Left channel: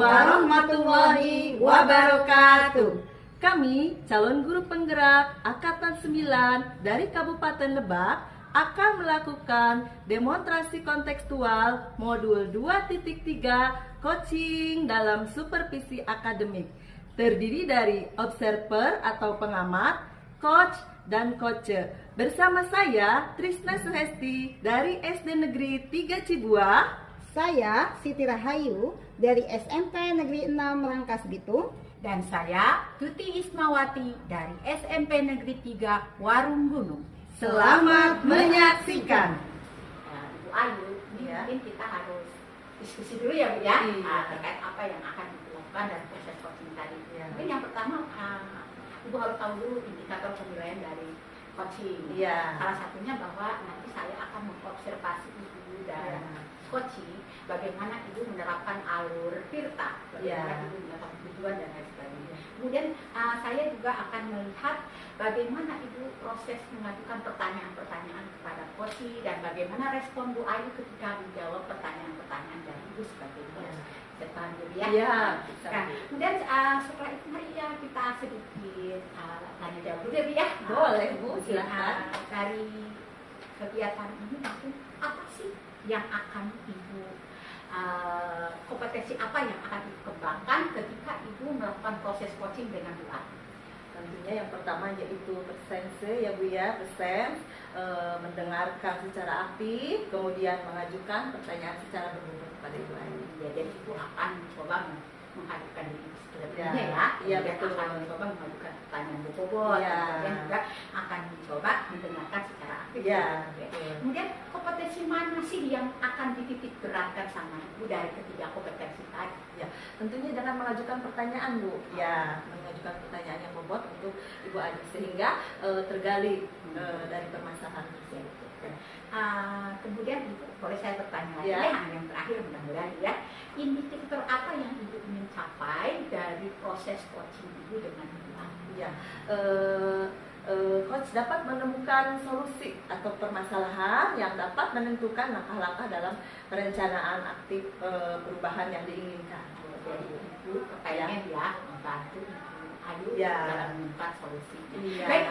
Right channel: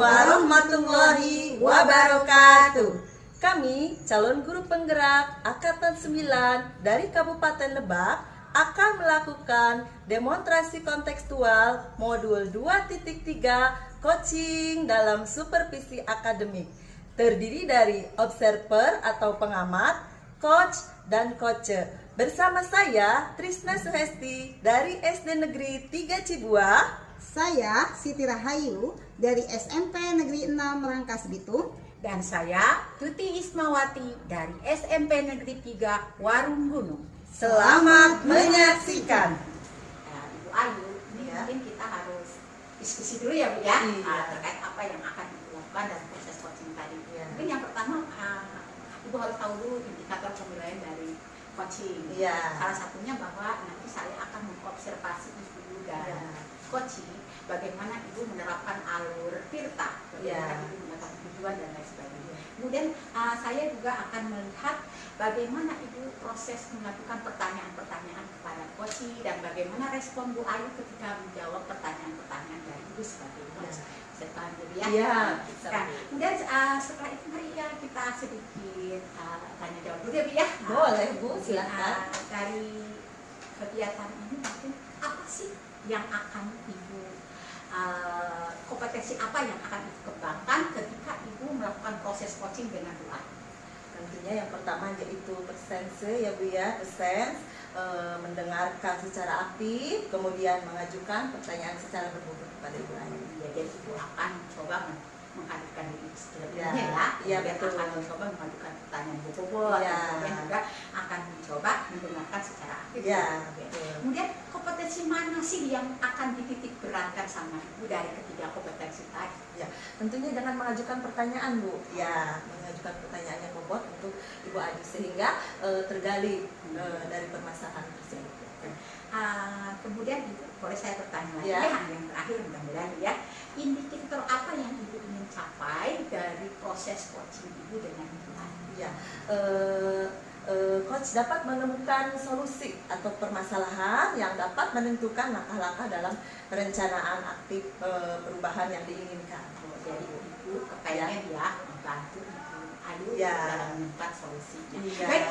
warahmatullahi wabarakatuh. Kami calon guru penggerak Angkatan 9 dari Kabupaten Lebak akan melakukan demonstrasi kontekstual modul 2.3 coaching dalam supervisi akademik. Terdiri dari observer atau pengamat, coach, dan coacher. Bersama saya Trisna Suhesti dari SD Negeri 3 Cibuah. Saya Siti Rahayu dari SMP Negeri 6 Rangkas Bitung. Dan saya Tuti Ismawati dari SMP Negeri 3 Warung Gunung. Selamat menyaksikan. Ibu Ayu, Ya. mungkin kita harus diskusi dulu ya Bu ya, Iya. terkait apa yang akan dilakukan dan proses coaching tadi. Iya. Mungkin yang pertama Ibu harus tahu dulu indikator penilaian dari coaching. Iya. Salah satunya bahwa nanti saya akan mengobservasi Ibu dan coaching bagaimana Ibu menerapkan alur Tirta, bagaimana Ibu menetapkan tujuan dan lain sebagainya. Kemudian saya juga akan melihat bagaimana Ibu proses mengajukan pertanyaan-pertanyaan kepada coaching dan bagaimana respon Bu Ayu ketika menjawab pertanyaan-pertanyaan dari Ibu sebagai coach. Setelah itu ya. Iya. Nah, kemudian setelah itu mari ya kita sedikit tanya jawab dulu ya Bu ya. Boleh Bu, silakan. Dari kegiatan ini mungkin apa sih yang akan Ibu kompetensi apa yang akan Ibu kembangkan ketika Ibu melakukan proses coaching dengan Bu Ayu? Tentunya yang pertama yaitu presense ya Bu ya, presence, mendengarkan secara aktif, kemudian mengajukan pertanyaan secara berbobot kepada Ibu Ayu. Ya, jadi Ibu akan coba menghadirkan diri terlebih Ya, ya. iya, Kemudian betul. akan mencoba mengajukan pertanyaan berbobot. Ya. Kemudian juga akan mencoba mendengarkan secara aktif. Ya, Oke. betul. Kemudian kompetensi mana sih yang akan dititik beratkan sama Ibu dari ketiga kompetensi tadi? Ya, tentunya dengan mengajukan pertanyaan Bu. Ya, mengajukan pertanyaan yang bobot untuk Ibu Ayu sehingga tergali dari permasalahan tersebut. Kemudian Ibu boleh saya bertanya lagi Ya. yang terakhir mudah-mudahan ya, indikator apa yang Ibu ingin capai dari proses coaching Ibu dengan Bu Ayu? Ya, coach dapat menemukan solusi atau permasalahan yang dapat menentukan langkah-langkah dalam perencanaan aktif perubahan yang diinginkan. Jadi Ibu pengen ya membantu Ibu Ayu Ya. dalam menemukan solusinya. Iya. Baik,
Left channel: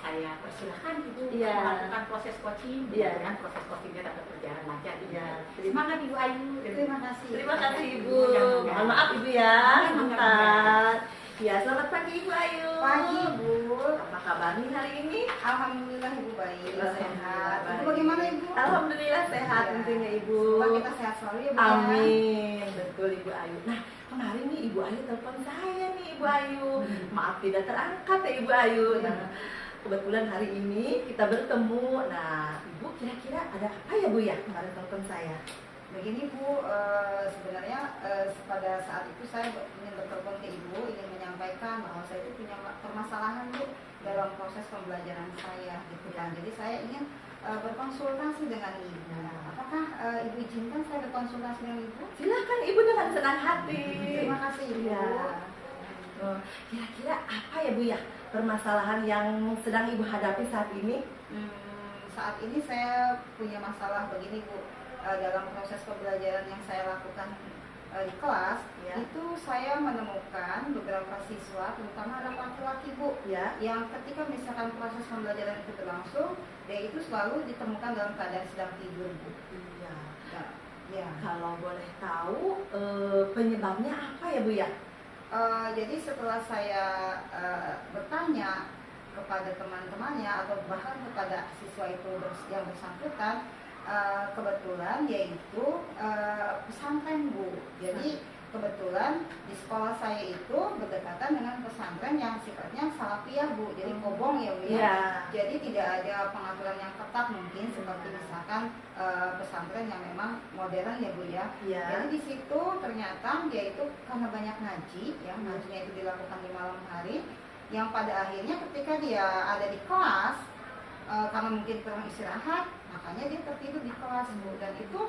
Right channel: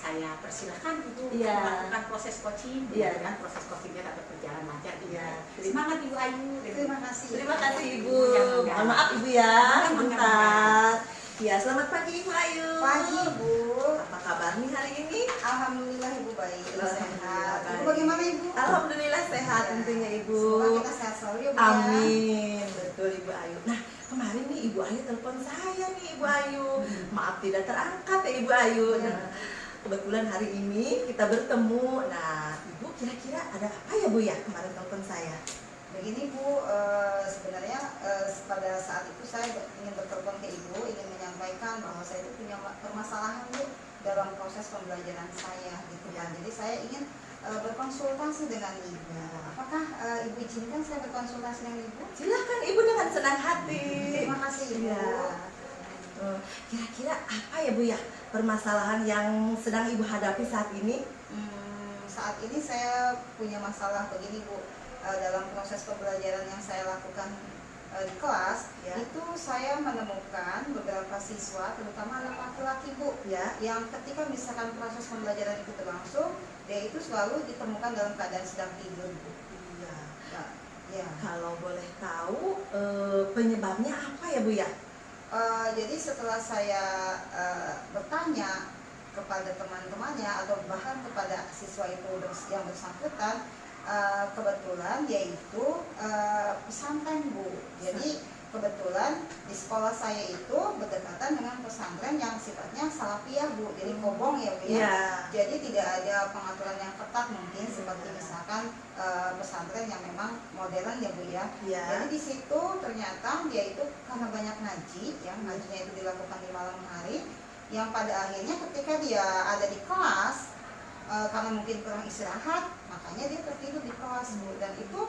saya persilahkan Ibu Iya. melakukan proses coaching. Iya. Dengan proses coachingnya tetap berjalan lancar. Iya. Semangat Ibu Ayu. Terima kasih. Terima kasih Ibu. Ya. Mohon maaf Ibu ya, sebentar. Ya, selamat pagi Ibu Ayu. Pagi Bu. Apa kabar nih hari ini? Alhamdulillah Ibu baik, Alhamdulillah, sehat. baik. Ibu bagaimana Ibu? Alhamdulillah sehat tentunya Ibu. Semoga kita sehat selalu ya Bu. ya. Amin, betul Ibu Ayu. Nah, kemarin nih Ibu Ayu telepon saya nih Ibu Ayu. Maaf tidak terangkat ya Ibu Ayu. Nah, kebetulan hari ini kita bertemu. Nah, Ibu kira-kira ada apa ya Bu ya kemarin telepon saya? Begini Bu, sebenarnya pada saat itu saya ingin bertelepon ke Ibu, ingin menyampaikan bahwa saya itu punya permasalahan Bu dalam proses pembelajaran saya gitu kan. Jadi saya ingin berkonsultasi dengan Ibu. Apakah Ibu izinkan saya berkonsultasi dengan Ibu? Silakan Ibu dengan senang hati. Terima kasih Ibu. Iya. Kira-kira apa ya Bu ya permasalahan yang sedang Ibu hadapi saat ini? Saat ini saya punya masalah begini Bu. Dalam proses pembelajaran yang saya lakukan di kelas, Ya. itu saya menemukan beberapa siswa, terutama anak laki-laki Bu, Ya. yang ketika misalkan proses pembelajaran itu berlangsung, dia itu selalu ditemukan dalam keadaan sedang tidur Bu. Iya. Nah, ya. Kalau boleh tahu penyebabnya apa ya Bu ya? Jadi setelah saya bertanya kepada teman-temannya atau bahkan kepada siswa itu yang bersangkutan, kebetulan yaitu pesantren Bu. Jadi kebetulan di sekolah saya itu berdekatan dengan pesantren yang sifatnya salafiyah Bu. Jadi kobong ya Bu ya. Iya. Jadi tidak ada pengaturan yang ketat mungkin seperti misalkan pesantren yang memang modern ya Bu ya. Iya. Jadi di situ ternyata dia itu karena banyak ngaji, yang ngajinya itu dilakukan di malam hari, yang pada akhirnya ketika dia ada di kelas karena mungkin kurang istirahat, makanya dia tertidur di kelas Bu. Dan itu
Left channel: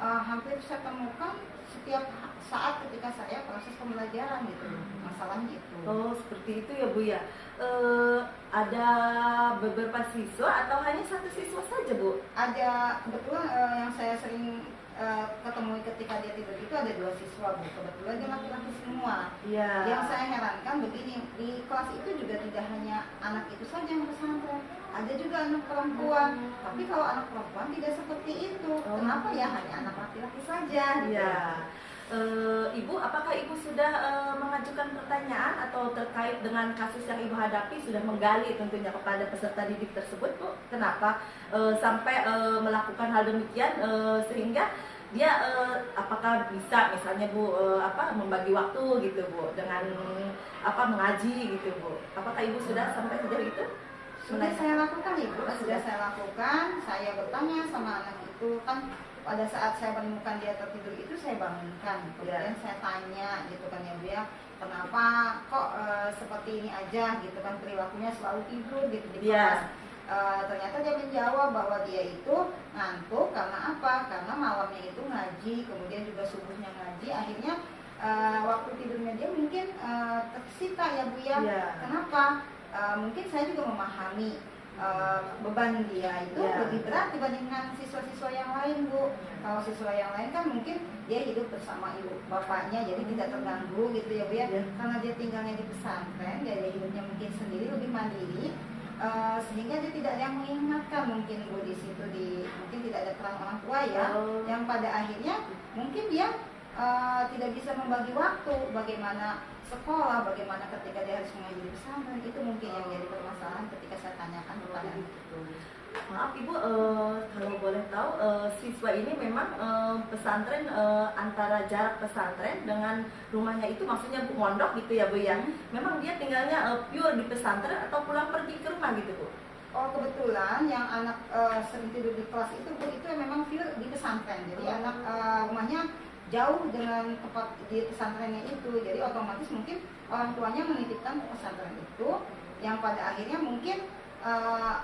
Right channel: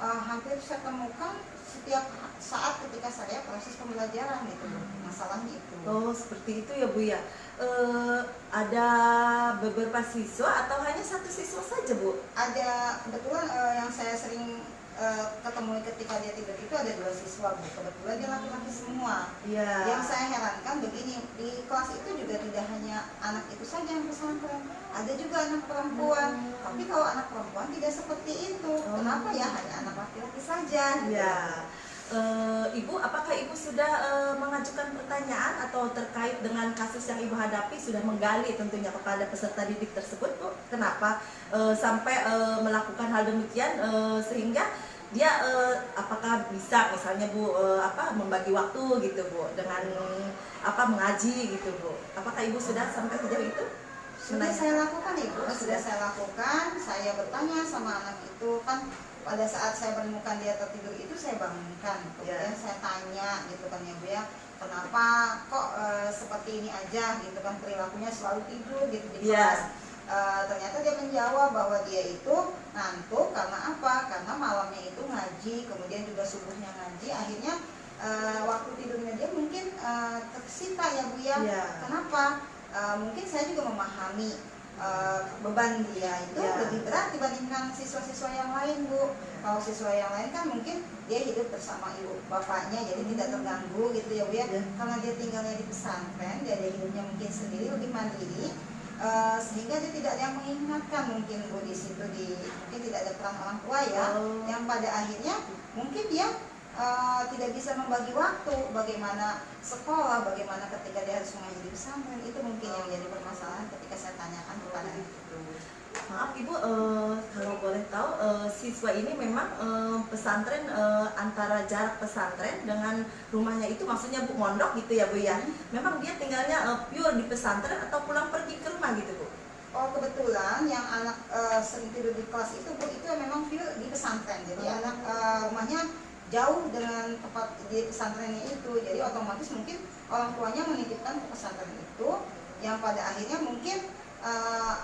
hampir saya temukan setiap saat ketika saya proses pembelajaran gitu Bu. Masalahnya itu. Oh, seperti itu ya Bu ya. Ada beberapa siswa atau hanya satu siswa saja Bu? Ada kebetulan yang saya sering ketemu ketika dia tidur itu ada 2 siswa Bu, kebetulan dia laki-laki semua. Iya. Yang saya herankan begini, di kelas itu juga tidak hanya anak itu saja yang pesantren, ada juga anak perempuan. Tapi kalau anak perempuan tidak seperti itu, kenapa ya hanya anak laki-laki saja? Iya. Ibu, apakah Ibu sudah mengajukan pertanyaan atau terkait dengan kasus yang Ibu hadapi, sudah menggali tentunya kepada peserta didik tersebut, Bu? Kenapa sampai melakukan hal demikian, sehingga dia apakah bisa misalnya Bu membagi waktu gitu Bu dengan mengaji gitu Bu? Apakah Ibu sudah sampai sejauh itu? Sudah saya lakukan Ibu, sudah saya lakukan. Saya bertanya sama anak itu kan. Pada saat saya menemukan dia tertidur itu saya bangunkan, kemudian saya tanya gitu kan ya Bu ya, kenapa kok seperti ini aja gitu kan, perilakunya selalu tidur gitu di kelas. Ternyata dia menjawab bahwa dia itu ngantuk karena apa? Karena malamnya itu ngaji, kemudian juga subuhnya ngaji, akhirnya waktu tidurnya dia mungkin tersita ya Bu ya. Kenapa? Mungkin saya juga memahami beban dia itu lebih berat dibandingkan siswa-siswa yang lain Bu. Kalau siswa yang lain kan mungkin dia hidup bersama ibu bapaknya, jadi tidak terganggu gitu ya Bu ya. Karena dia tinggalnya di pesantren, dia hidupnya mungkin sendiri, lebih mandiri, sehingga dia tidak ada yang mengingatkan mungkin Bu di situ, mungkin tidak ada peran orang tua ya, yang pada akhirnya mungkin dia tidak bisa membagi waktu, bagaimana sekolah, bagaimana ketika dia harus mengaji di pesantren, itu mungkin yang jadi permasalahan ketika saya tanyakan kepada itu. Maaf Ibu, kalau boleh tahu, siswa ini memang pesantren, antara jarak pesantren dengan rumahnya itu maksudnya Bu mondok gitu ya Bu ya, memang dia tinggalnya pure di pesantren atau pulang pergi ke rumah gitu Bu? Oh kebetulan yang anak sering tidur di kelas itu Bu, itu memang pure di pesantren, jadi anak rumahnya jauh dengan tempat di pesantrennya itu, jadi otomatis mungkin orang tuanya menitipkan ke pesantren itu, yang pada akhirnya mungkin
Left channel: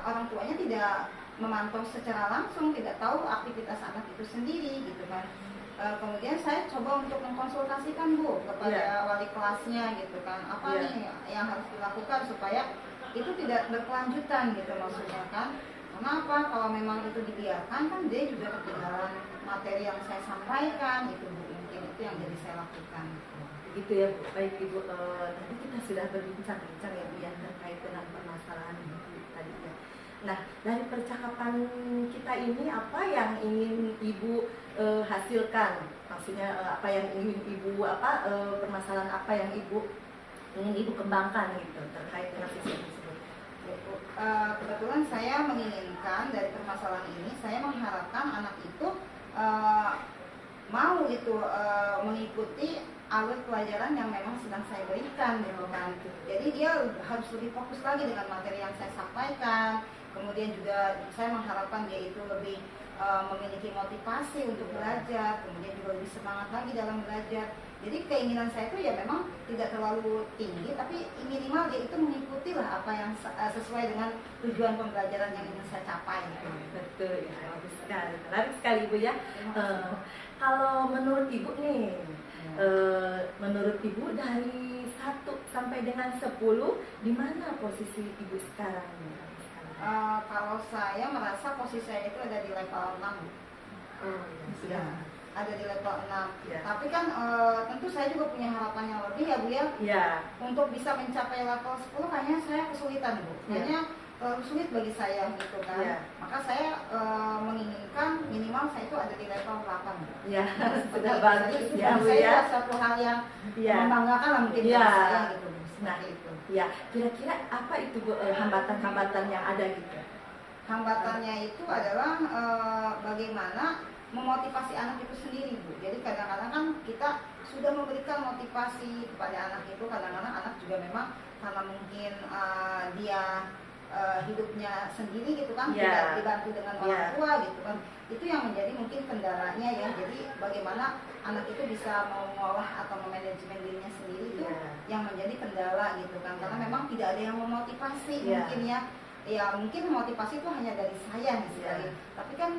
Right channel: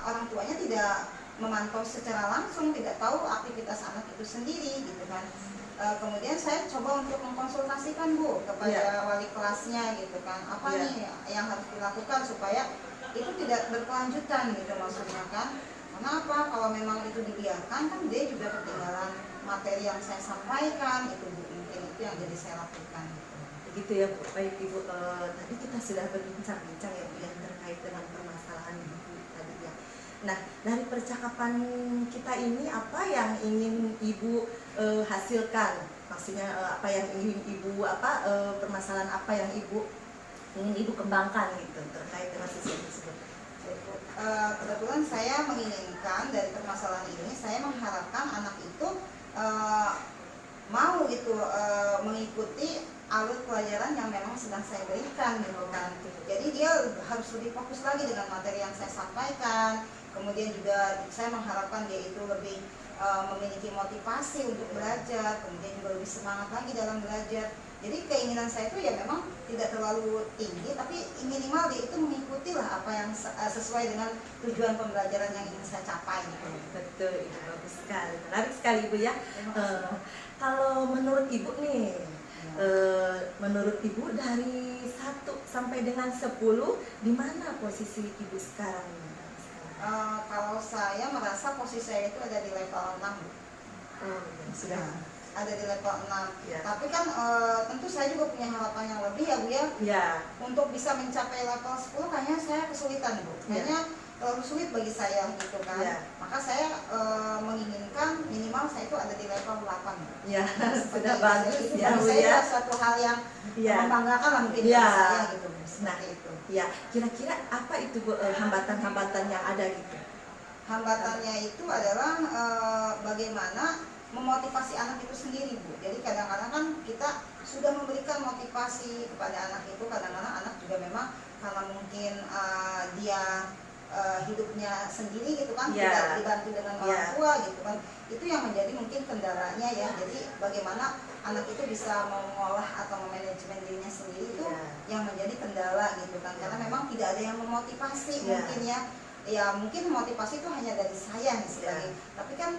orang tuanya tidak memantau secara langsung, tidak tahu aktivitas anak itu sendiri gitu kan. Kemudian saya coba untuk mengkonsultasikan Bu kepada wali kelasnya gitu kan, apa nih yang harus dilakukan supaya itu tidak berkelanjutan gitu maksudnya kan. Kenapa? Kalau memang itu dibiarkan kan dia juga ketinggalan materi yang saya sampaikan itu Bu, mungkin itu yang jadi saya lakukan. Begitu ya Bu. Baik Ibu, tadi kita sudah berbincang-bincang ya Bu yang terkait dengan permasalahan Ibu tadi ya. Nah, dari percakapan kita ini apa yang ingin Ibu hasilkan? Maksudnya apa yang ingin Ibu permasalahan apa yang Ibu ingin Ibu kembangkan gitu terkait dengan siswa tersebut? Kebetulan saya menginginkan dari permasalahan ini, saya mengharapkan anak itu mau gitu mengikuti alur pelajaran yang memang sedang saya berikan gitu kan. Jadi dia harus lebih fokus lagi dengan materi yang saya sampaikan. Kemudian juga saya mengharapkan dia itu lebih memiliki motivasi untuk belajar, kemudian juga lebih semangat lagi dalam belajar. Jadi keinginan saya itu ya memang tidak terlalu tinggi, tapi minimal dia itu mengikuti lah apa yang sesuai dengan tujuan pembelajaran yang ingin saya capai gitu. Betul, Ibu, bagus sekali, menarik sekali Ibu ya. Kalau menurut Ibu nih, menurut Ibu dari 1 sampai dengan 10, di mana posisi Ibu sekarang? Kalau saya merasa posisi saya itu ada di level 6. Sudah ada di level 6. Ya. Tapi kan tentu saya juga punya harapan yang lebih ya Bu ya. Ya. Untuk bisa mencapai level 10 kayaknya saya kesulitan Bu. Kayaknya terlalu sulit bagi saya gitu kan. Ya. Maka saya menginginkan minimal saya itu ada di level 8 Bu. Ya, sudah bagus ya Bu saya ya. suatu hal yang membanggakan lah mungkin bagi saya gitu. Nah, itu. Ya, kira-kira apa itu Bu hambatan-hambatan yang ada gitu? Hambatannya itu adalah bagaimana memotivasi anak itu sendiri Bu. Jadi kadang-kadang kan kita sudah memberikan motivasi kepada anak itu, kadang-kadang anak juga memang karena mungkin dia hidupnya sendiri gitu kan, tidak dibantu dengan orang tua gitu kan. Itu yang menjadi mungkin kendalanya ya. Jadi bagaimana anak itu bisa mengolah atau memanajemen dirinya sendiri itu yang menjadi kendala gitu kan. Karena memang tidak ada yang memotivasi mungkin ya. Ya mungkin motivasi itu hanya dari saya nih tapi kan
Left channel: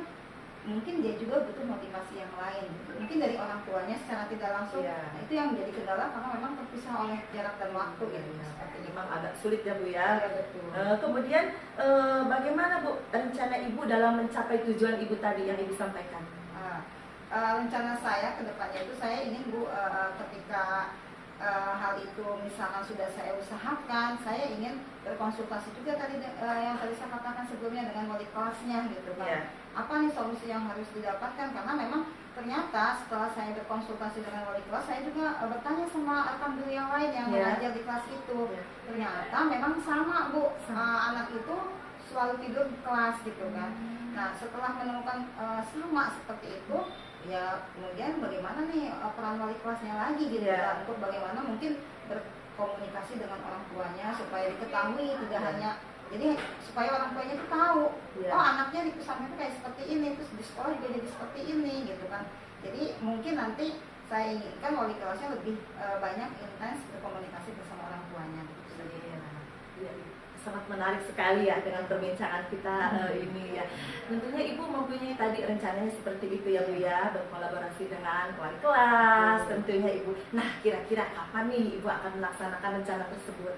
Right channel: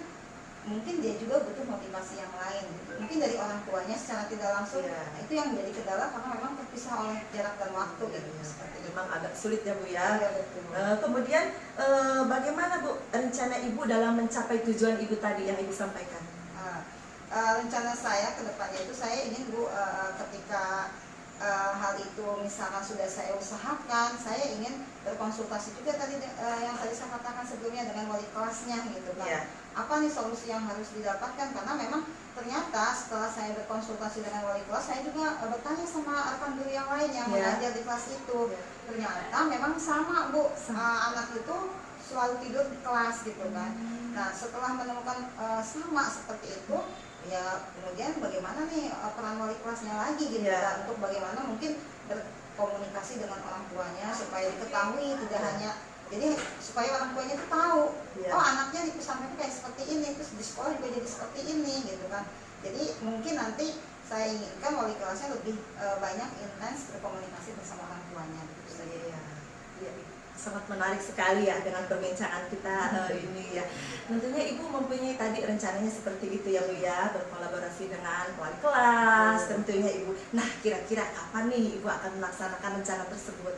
mungkin dia juga butuh motivasi yang lain gitu. Mungkin dari orang tuanya secara tidak langsung. Nah, itu yang menjadi kendala karena memang terpisah oleh jarak dan waktu gitu. Seperti itu. Memang agak sulit ya Bu ya. Kemudian bagaimana Bu rencana Ibu dalam mencapai tujuan Ibu tadi yang Ibu sampaikan? rencana saya ke depannya itu saya ingin Bu, ketika hal itu misalkan sudah saya usahakan, saya ingin berkonsultasi juga tadi yang tadi saya katakan sebelumnya dengan wali kelasnya gitu kan. Yeah. Apa nih solusi yang harus didapatkan, karena memang ternyata setelah saya berkonsultasi dengan wali kelas, saya juga bertanya sama rekan guru yang lain yang mengajar di kelas itu. Ternyata memang sama Bu, anak itu selalu tidur di kelas gitu kan. Nah setelah menemukan sama seperti itu, ya kemudian bagaimana nih peran wali kelasnya lagi gitu kan, untuk bagaimana mungkin berkomunikasi dengan orang tuanya supaya diketahui, tidak hanya jadi supaya orang tuanya itu tahu, oh anaknya di pesantren itu kayak seperti ini, terus di sekolah juga jadi seperti ini gitu kan. Jadi mungkin nanti saya inginkan wali kelasnya lebih banyak intens berkomunikasi bersama orang tuanya gitu saja. Ya, sangat menarik sekali ya dengan perbincangan kita ini ya. Tentunya Ibu mempunyai tadi rencananya seperti itu ya Bu ya, berkolaborasi dengan wali kelas tentunya Ibu. Nah kira-kira kapan nih Ibu akan melaksanakan rencana tersebut?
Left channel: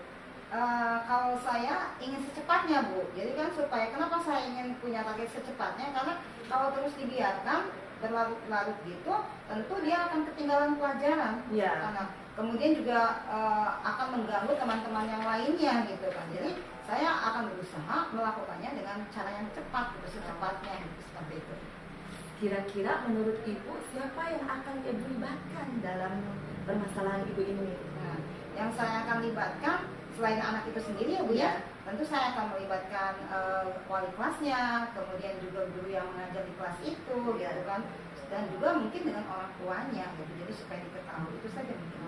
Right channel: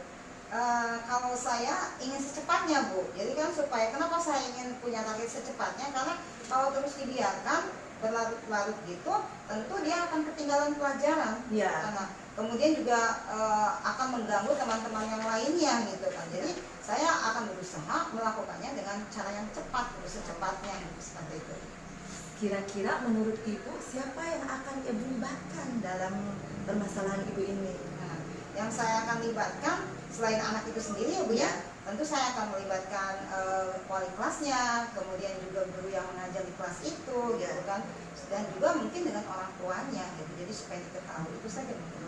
Kalau saya ingin secepatnya Bu, jadi kan supaya kenapa saya ingin punya target secepatnya, karena kalau terus dibiarkan berlarut-larut gitu, tentu dia akan ketinggalan pelajaran. Karena kemudian juga akan mengganggu teman-teman yang lainnya gitu kan. Jadi saya akan berusaha melakukannya dengan cara yang cepat, secepatnya gitu, seperti itu. Kira-kira menurut Ibu siapa yang akan Ibu libatkan dalam permasalahan Ibu ini? Nah, yang saya akan libatkan selain anak itu sendiri ya Bu ya, tentu saya akan melibatkan wali kelasnya, kemudian juga guru yang mengajar di kelas itu gitu kan, dan juga mungkin dengan orang tuanya gitu. Jadi supaya diketahui, itu saja mungkin.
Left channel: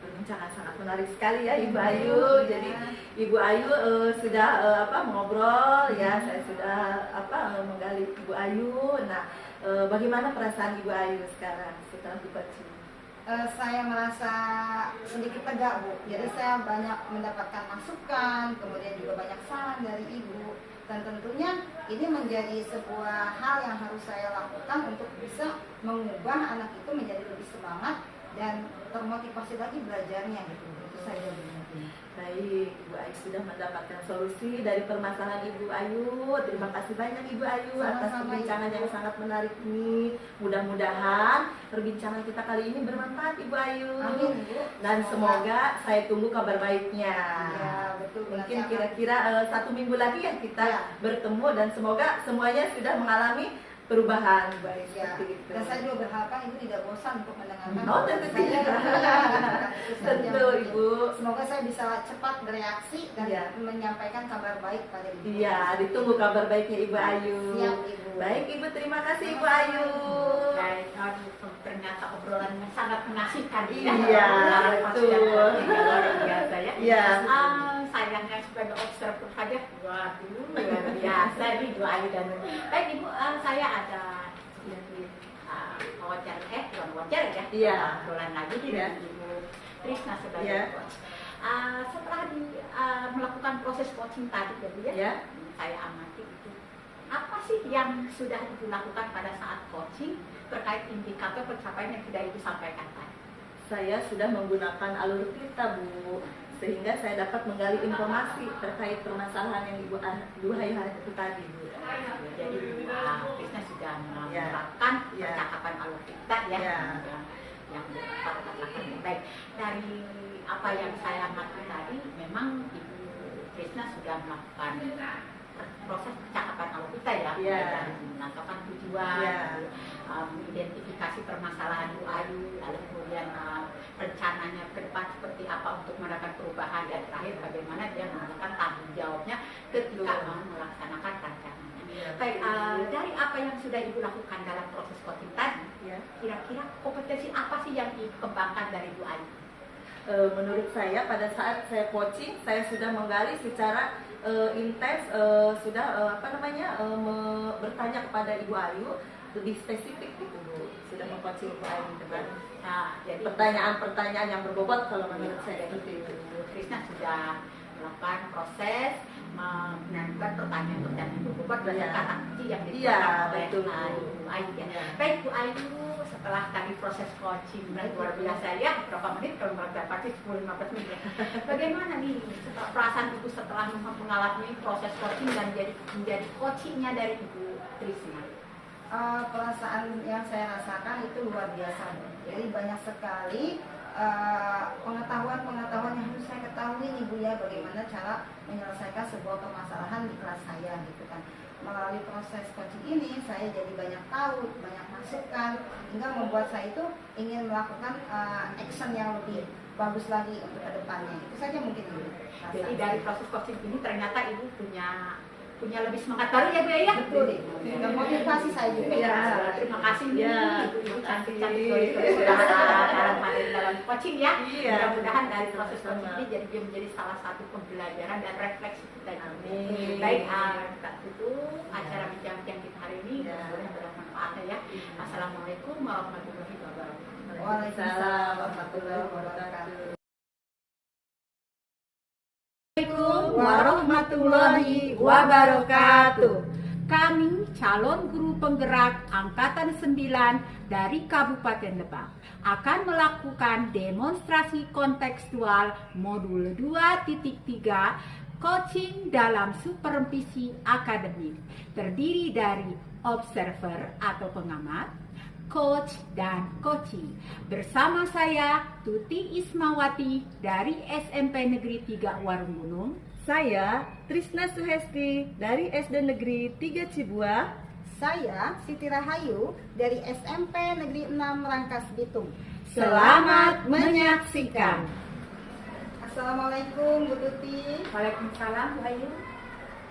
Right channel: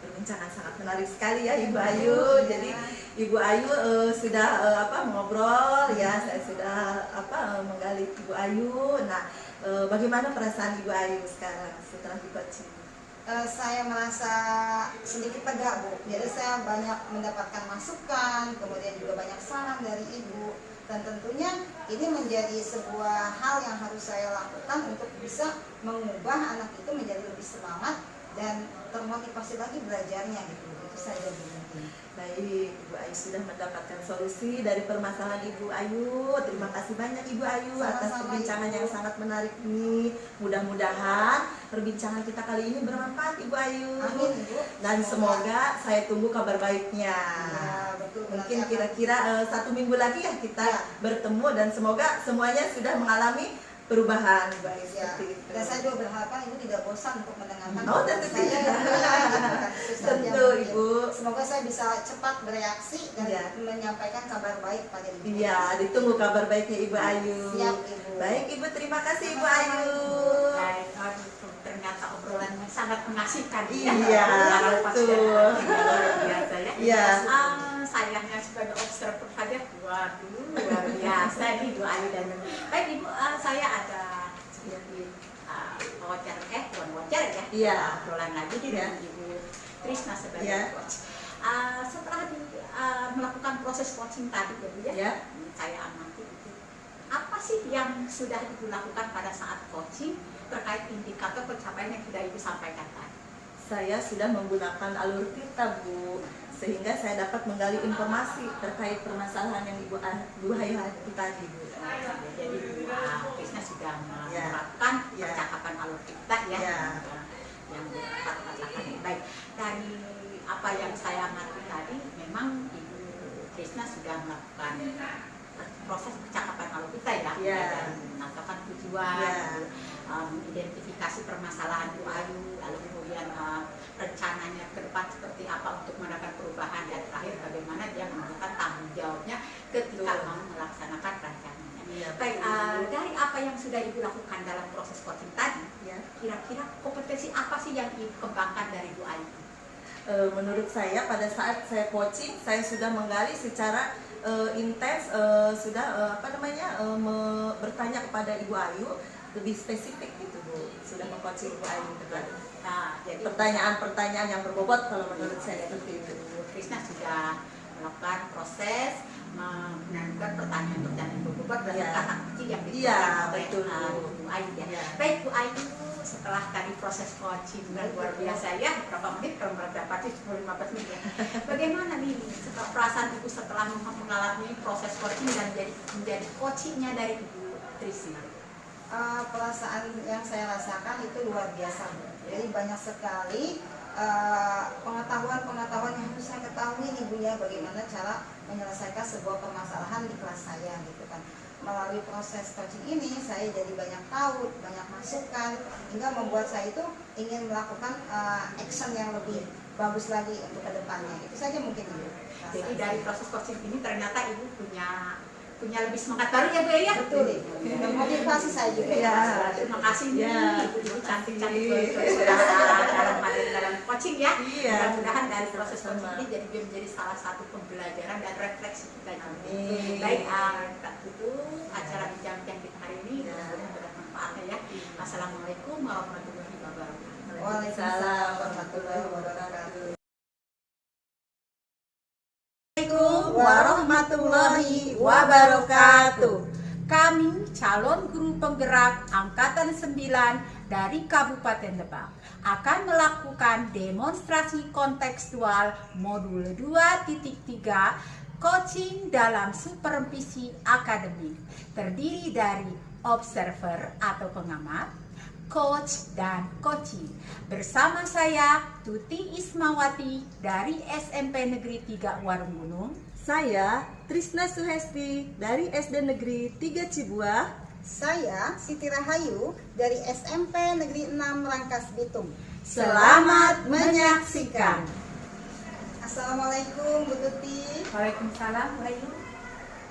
Perbincangan sangat menarik sekali ya Ibu Ayu. Jadi Ibu Ayu sudah mengobrol ya, saya sudah menggali Ibu Ayu. Nah, bagaimana perasaan Ibu Ayu sekarang setelah di-coaching? Saya merasa sedikit tegak Bu. Jadi saya banyak mendapatkan masukan, kemudian juga banyak saran dari Ibu, dan tentunya ini menjadi sebuah hal yang harus saya lakukan untuk bisa mengubah anak itu menjadi lebih semangat dan termotivasi lagi belajarnya gitu. Itu saja Bu. Baik, Ibu Ayu sudah mendapatkan solusi dari permasalahan Ibu Ayu. Terima kasih banyak Ibu Ayu atas perbincangan yang sangat menarik ini. Mudah-mudahan perbincangan kita kali ini bermanfaat Ibu Ayu. Amin Ibu. Dan semoga saya tunggu kabar baiknya. Ya, betul. Mungkin kira-kira 1 minggu lagi ya kita bertemu, dan semoga semuanya sudah mengalami perubahan baik seperti itu. Dan saya juga berharap Ibu tidak bosan untuk mendengarkan. Tentu saya. Tentu Ibu. Semoga saya bisa cepat bereaksi dan menyampaikan kabar baik pada Ibu. Iya, ditunggu kabar baiknya Ibu Ayu. Siap Ibu. Baik Ibu, terima kasih Ibu Ayu. Baik, ternyata obrolan yang sangat mengasihkan. Iya, betul. Biasa ya. Iya. Sayangnya sebagai observer saja, waduh luar biasa nih Ibu Ayu dan baik Ibu, saya ada seperti wawancara ya. Iya. Obrolan lagi dengan Ibu Trisna sebagai coach. Setelah melakukan proses coaching tadi ya Bu ya, saya amati itu. Apa sih yang sudah Ibu lakukan pada saat coaching terkait indikator pencapaian yang sudah Ibu sampaikan tadi? Saya sudah menggunakan alur Tirta Bu, sehingga saya dapat menggali informasi terkait permasalahan yang Ibu Ayu hadapi tadi Bu. Jadi Bu Krisna sudah menerapkan percakapan alur Tirta ya. Yang lakukan. Baik, dari apa yang saya amati tadi, memang Ibu Krisna sudah melakukan proses percakapan alur Tirta ya, dari menentukan tujuan, identifikasi permasalahan Bu Ayu, lalu kemudian rencananya ke depan seperti apa untuk melakukan perubahan, dan terakhir bagaimana dia melakukan tanggung jawabnya ketika melaksanakan rencananya. Baik, dari apa yang sudah Ibu lakukan dalam proses coaching tadi, kira-kira kompetensi apa sih yang dikembangkan dari Bu Ayu? Menurut saya pada saat saya coaching, saya sudah menggali secara intens, sudah bertanya kepada Ibu Ayu lebih spesifik gitu Bu, sudah mengcoaching Ibu Ayu dengan jadi pertanyaan-pertanyaan yang berbobot kalau menurut saya seperti itu. Bu Krisna sudah melakukan proses menyampaikan pertanyaan-pertanyaan berbobot dari kata kunci yang dikeluarkan oleh Bu Ayu ya. Baik Bu Ayu, setelah tadi proses coaching luar biasa ya, berapa menit kalau berapa sih 10-15 menit ya. Bagaimana nih perasaan Ibu setelah mengalami proses coaching dan menjadi coachingnya dari Ibu Trisna? perasaan yang saya rasakan itu luar biasa. Jadi banyak sekali pengetahuan yang harus saya ketahui Ibu ya, bagaimana cara menyelesaikan sebuah permasalahan di kelas saya gitu kan. Melalui proses coaching ini saya jadi banyak tahu, banyak masukan, hingga membuat saya itu ingin melakukan action yang lebih bagus lagi untuk kedepannya. Itu saja mungkin Ibu. Jadi dari proses coaching ini ternyata Ibu punya lebih semangat baru ya Bu ya? Betul Ibu. Dan motivasi saya juga. Ya. Terima kasih Ibu cantik-cantik dalam coaching ya. Iya. Mudah-mudahan dari proses coaching ini jadi menjadi salah satu pembelajaran dan refleksi kita. Amin. Baik, itu acara bincang-bincang kita hari ini mudah-mudahan bermanfaat ya. Assalamualaikum warahmatullahi wabarakatuh. Waalaikumsalam warahmatullahi wabarakatuh. Assalamualaikum warahmatullahi wabarakatuh. Kami calon guru penggerak Angkatan 9 dari Kabupaten Lebak akan melakukan demonstrasi kontekstual modul 2.3 coaching dalam supervisi akademik, terdiri dari observer atau pengamat, coach dan coaching. Bersama saya Tuti Ismawati dari SMP Negeri 3 Warung Gunung. Saya Trisna Suhesti dari SD Negeri 3 Cibuah. Saya Siti Rahayu dari SMP Negeri 6 Rangkas Bitung. Selamat menyaksikan. Assalamualaikum Bu Tuti. Waalaikumsalam Bu Ayu.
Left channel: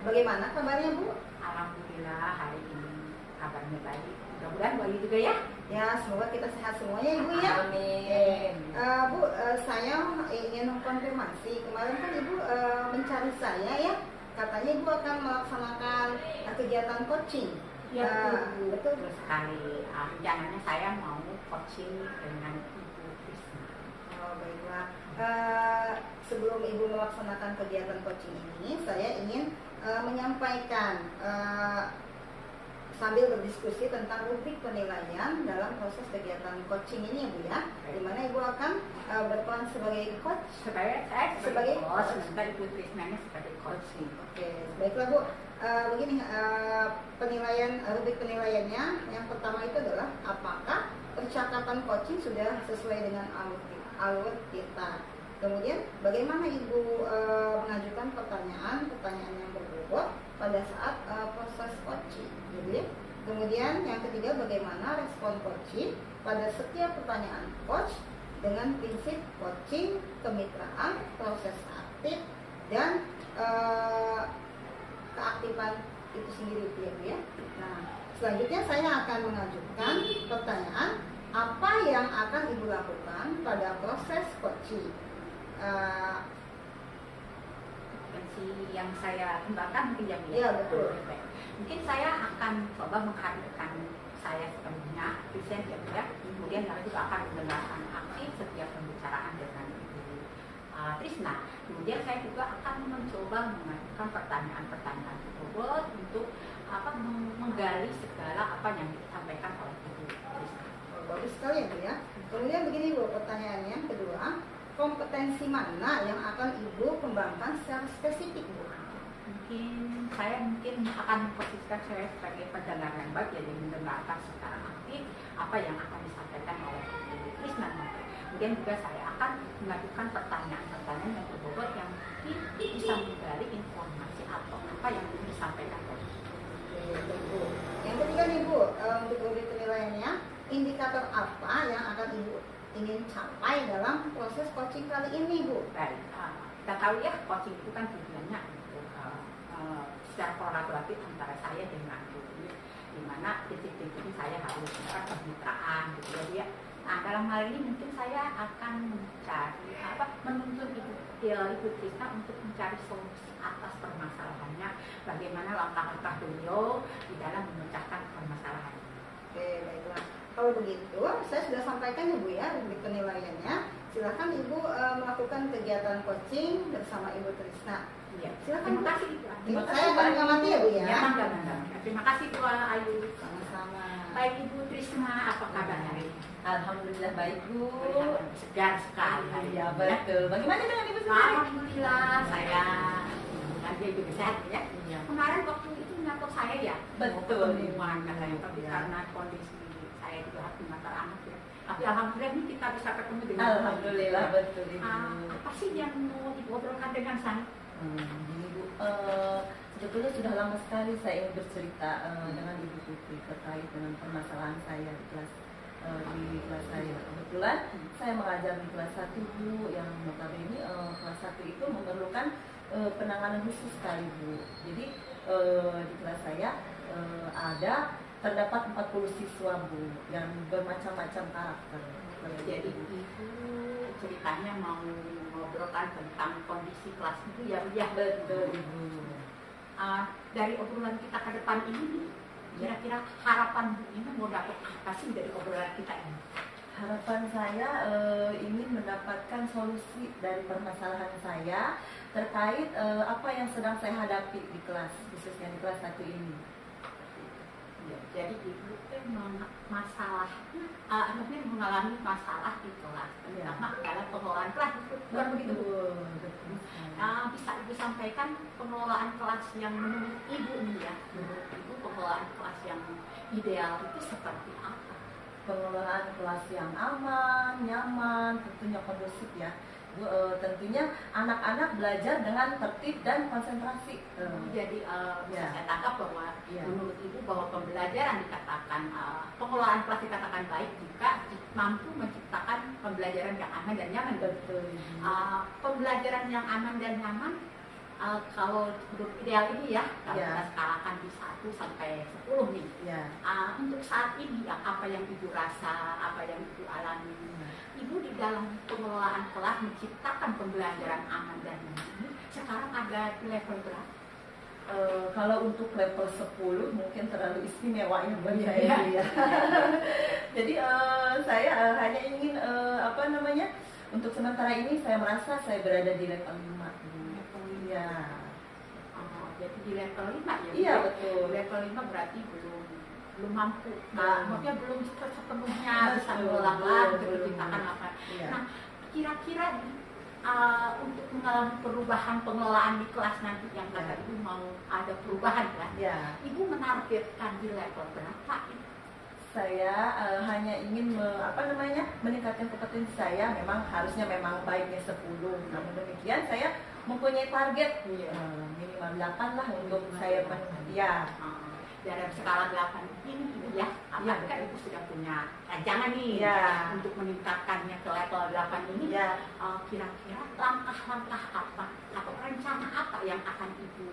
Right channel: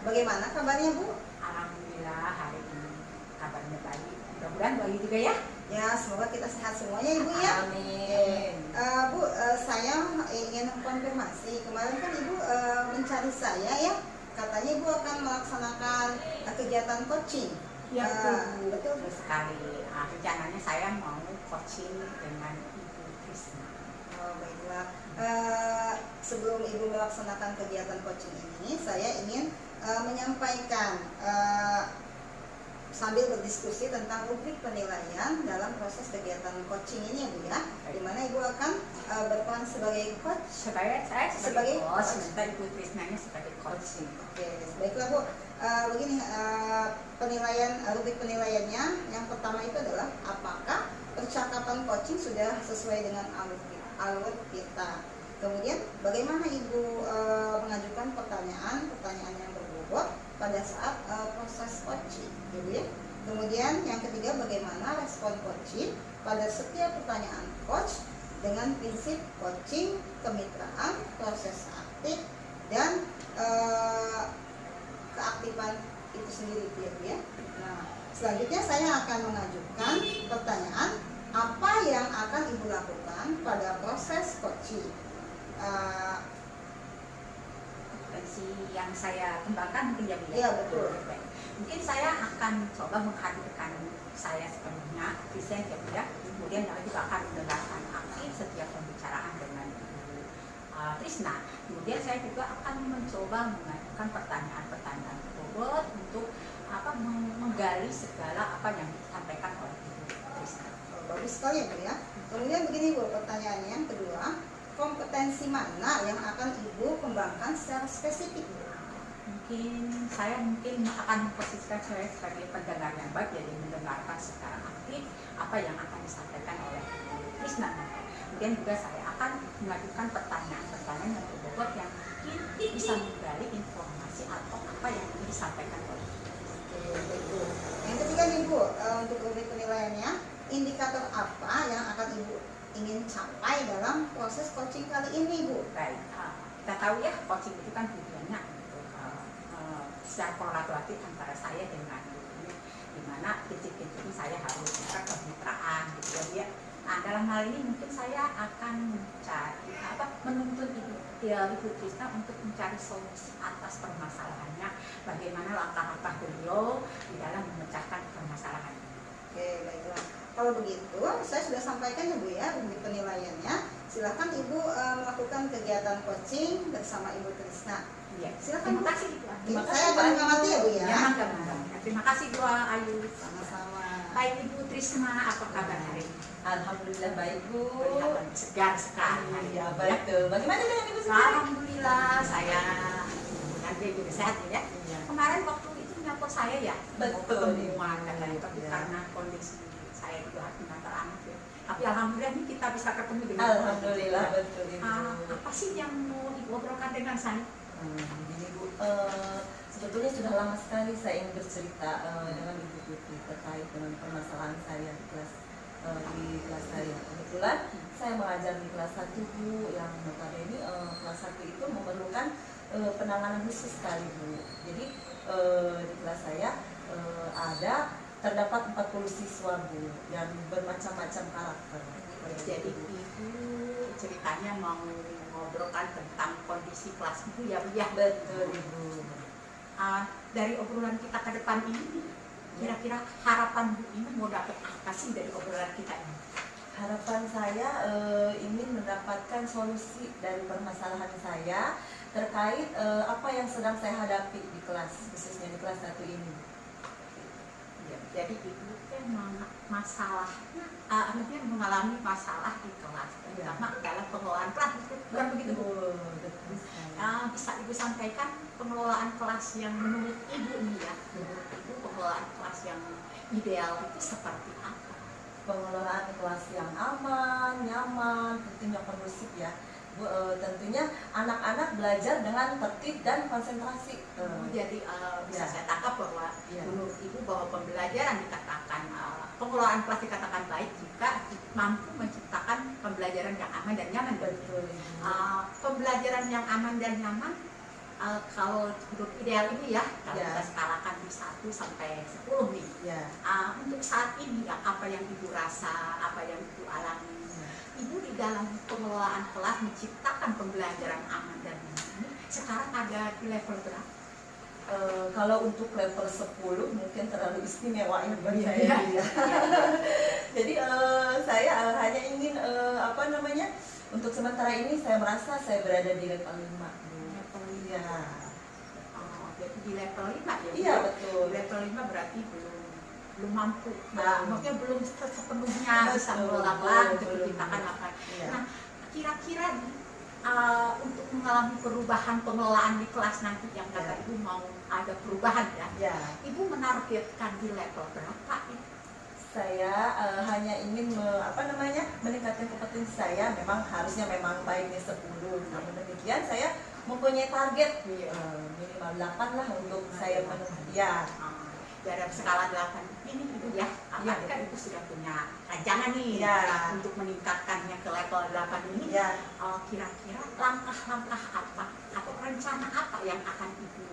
Bagaimana kabarnya Bu? Alhamdulillah hari ini kabarnya baik. Mudah-mudahan Bu Ayu juga ya. Ya, semoga kita sehat semuanya Ibu ya. Amin. Bu, saya ingin mengkonfirmasi. Kemarin kan Ibu mencari saya ya. Katanya Ibu akan melaksanakan kegiatan coaching. Ya betul. Betul. Betul sekali. Rencananya saya mau coaching dengan Ibu Trisna. Oh, baiklah. Sebelum Ibu melaksanakan kegiatan coaching ini, saya ingin menyampaikan sambil berdiskusi tentang rubrik penilaian dalam proses kegiatan coaching ini ya Bu ya, di mana Ibu akan berperan sebagai coach. Saya sebagai coach, sebagai Ibu Trisnanya sebagai coach. Oke, baiklah Bu. Begini, rubrik penilaiannya yang pertama itu adalah apakah percakapan coaching sudah sesuai dengan alur kita. Kemudian bagaimana Ibu mengajukan pertanyaan yang berbobot pada saat proses coaching, gitu ya. Kemudian yang ketiga, bagaimana respon coaching pada setiap pertanyaan coach dengan prinsip coaching, kemitraan, proses aktif, dan keaktifan itu sendiri, gitu ya. Nah, selanjutnya saya akan mengajukan pertanyaan apa yang akan Ibu lakukan pada proses coaching. Yang saya kembangkan mungkin yang Iya, betul. Baik. Mungkin saya akan coba menghadirkan saya sepenuhnya desain ya, kemudian kami juga akan mendengarkan aktif setiap pembicaraan dengan Ibu Trisna. Kemudian saya juga akan mencoba mengajukan pertanyaan-pertanyaan tersebut untuk menggali segala apa yang disampaikan oleh Ibu Trisna. Bagus sekali ya Bu ya. Kemudian begini Bu, pertanyaannya yang kedua, kompetensi mana yang akan Ibu kembangkan secara spesifik Bu? Saya akan memposisikan saya sebagai pendengar yang baik, jadi mendengarkan secara aktif apa yang akan disampaikan oleh Ibu Trisna. Kemudian juga saya akan mengajukan pertanyaan-pertanyaan yang berbobot yang bisa menggali informasi atau apa yang disampaikan oleh Ibu. Yang ketiga nih Bu, untuk rubrik penilaiannya, indikator apa yang akan Ibu ingin capai dalam proses coaching kali ini Bu? Baik, kita tahu ya coaching itu kan tujuannya untuk secara kolaboratif antara saya dengan Ibu, di mana prinsip-prinsip ini saya harus melakukan kemitraan gitu ya. Nah, dalam hal ini mungkin saya akan menuntun Ibu Trisna untuk mencari solusi atas permasalahannya, bagaimana langkah-langkah beliau di dalam memecahkan permasalahan. Oke, baiklah. Kalau begitu, saya sudah sampaikan ya Bu ya, rubrik penilaiannya. Silakan Ibu melakukan kegiatan coaching bersama Ibu Trisna. Iya. Silakan Terima Bu. kasih Bu. Terima kasih akan mengamati ya Bu ya. Ya, mangga. Terima kasih Bu Ayu. Sama-sama. Baik Ibu Trisna, apa kabar hari ini? Alhamdulillah baik Bu. Segar sekali hari ini. Ya betul. Bagaimana dengan Ibu sendiri? Alhamdulillah saya juga sehat ya. Iya. Kemarin waktu itu kok saya ya mau Betul. ketemuan katanya, tapi Ya. karena kondisi saya juga harus mengantar anak ya. Tapi alhamdulillah ini kita bisa ketemu dengan Alhamdulillah, betul Ibu. apa sih yang mau Ibu obrolkan dengan saya? Gini Bu, sebetulnya sudah lama sekali saya ingin bercerita dengan Ibu Putri terkait dengan permasalahan saya di kelas saya. Kebetulan saya mengajar di kelas 1 Bu, yang notabene kelas 1 itu memerlukan penanganan khusus sekali Bu. Jadi di kelas saya terdapat 40 siswa Bu yang bermacam-macam karakter. Jadi Ibu ceritanya mau ngobrolkan tentang kondisi kelas Ibu ya Bu ya? Betul Ibu. Dari obrolan kita ke depan ini, kira-kira harapan Bu ini mau dapat apa sih dari obrolan kita ini? Harapan saya ingin mendapatkan solusi dari permasalahan saya terkait apa yang sedang saya hadapi di kelas, khususnya di kelas 1 ini. Ya, jadi Ibu masalahnya, artinya mengalami masalah di kelas, terutama dalam pengelolaan kelas, bukan begitu Bu? Betul. Bisa Ibu sampaikan pengelolaan kelas yang menurut Ibu nih ya, menurut Ibu pengelolaan kelas yang ideal itu seperti apa? Pengelolaan kelas yang aman, nyaman, tentunya kondusif ya. Bu, tentunya anak-anak belajar dengan tertib dan konsentrasi. Jadi bisa Ya. saya tangkap bahwa Ya. menurut Ibu bahwa pembelajaran dikatakan pengelolaan kelas dikatakan baik jika mampu menciptakan pembelajaran yang aman dan nyaman. Betul. Pembelajaran yang aman dan nyaman kalau huruf ideal ini ya, kalau Ya. kita skalakan di 1 sampai 10 nih. Ya. Untuk saat ini ya, apa yang Ibu rasa, apa yang Ibu alami, Ibu di dalam pengelolaan kelas menciptakan pembelajaran aman dan nyaman ini sekarang ada di level berapa? Kalau untuk level 10 mungkin terlalu istimewa ya bagi Iya. saya. Ya. Jadi saya hanya ingin untuk sementara ini saya merasa saya berada di level 5. Level Iya. Jadi di level 5 ya? Iya Bu? betul. Di level 5 berarti belum mampu, maksudnya belum sepenuhnya Betul, bisa mengelola kelas, betul. menciptakan apa. Iya. Nah, kira-kira untuk mengalami perubahan pengelolaan di kelas nanti yang kata Ya. Ibu mau ada perubahan ya, Ya. Ibu menargetkan di level berapa ini? Saya hanya ingin meningkatkan kompetensi saya. Harusnya baiknya 10. Namun demikian saya mempunyai target minimal 8 lah untuk saya menuju. Ya. Dalam skala 8 ini Ibu ya, apakah Ya. Ibu sudah punya rancangan nih Ya. untuk meningkatkannya ke level 8 ini? Ya. Kira-kira langkah-langkah apa atau rencana apa yang akan Ibu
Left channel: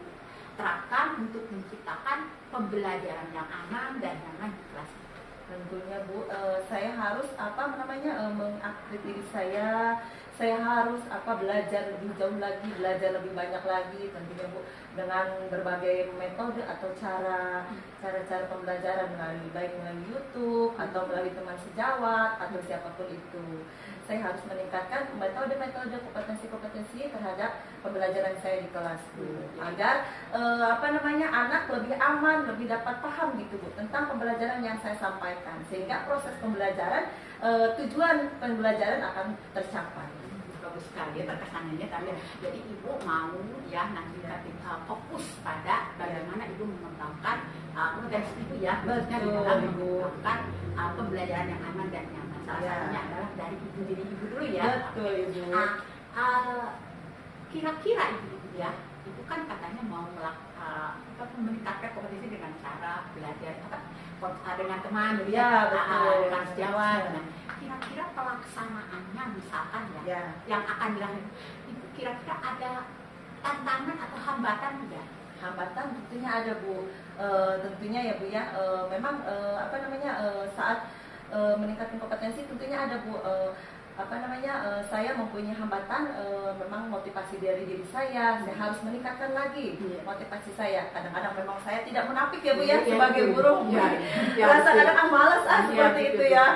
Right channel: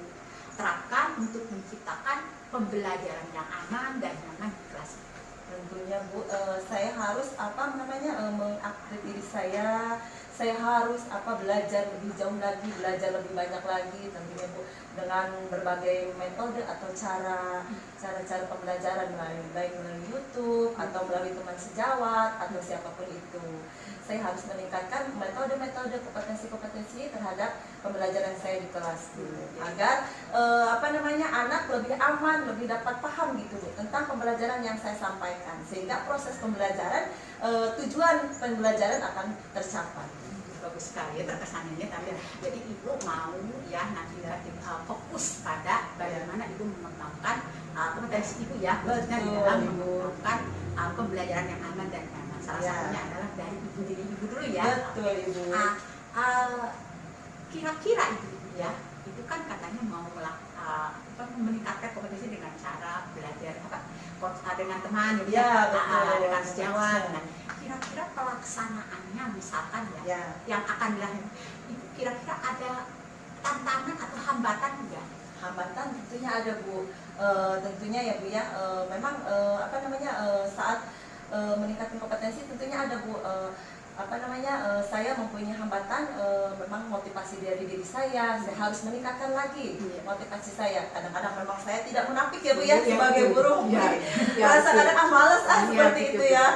terapkan untuk menciptakan pembelajaran yang aman dan nyaman di kelas ini? Tentunya Bu, saya harus mengupgrade diri saya. Saya harus belajar lebih jauh lagi, belajar lebih banyak lagi tentunya Bu, dengan berbagai metode atau cara pembelajaran baik melalui YouTube atau melalui teman sejawat atau siapapun itu. Saya harus meningkatkan metode-metode kompetensi terhadap pembelajaran saya di kelas Bu, agar anak lebih aman, lebih dapat paham gitu Bu tentang pembelajaran yang saya sampaikan, sehingga proses pembelajaran tujuan pembelajaran akan tercapai. Bagus sekali ya terkesannya, tapi jadi Ibu mau ya nanti fokus pada bagaimana Ibu mengembangkan kompetensi Ibu ya, khususnya di dalam mengembangkan pembelajaran yang aman dan nyaman. Salah satunya adalah dari diri Ibu dulu ya. Betul Ibu. Kira-kira Ibu ya, Ibu kan katanya mau meningkatkan kompetensi dengan cara belajar dengan teman, Ya, betul. dengan sejawat. Nah, kira-kira pelaksanaannya misalkan ya, yang akan dilakukan, Ibu kira-kira ada tantangan atau hambatan tidak? Hambatan tentunya ada Bu. Tentunya ya Bu ya. Saat meningkatkan kompetensi tentunya ada Bu. Saya mempunyai hambatan, memang motivasi dari diri saya harus meningkatkan lagi motivasi saya. Kadang-kadang memang saya tidak munafik ya Bu ya, sebagai buruh. Rasa kadang malas seperti itu ya.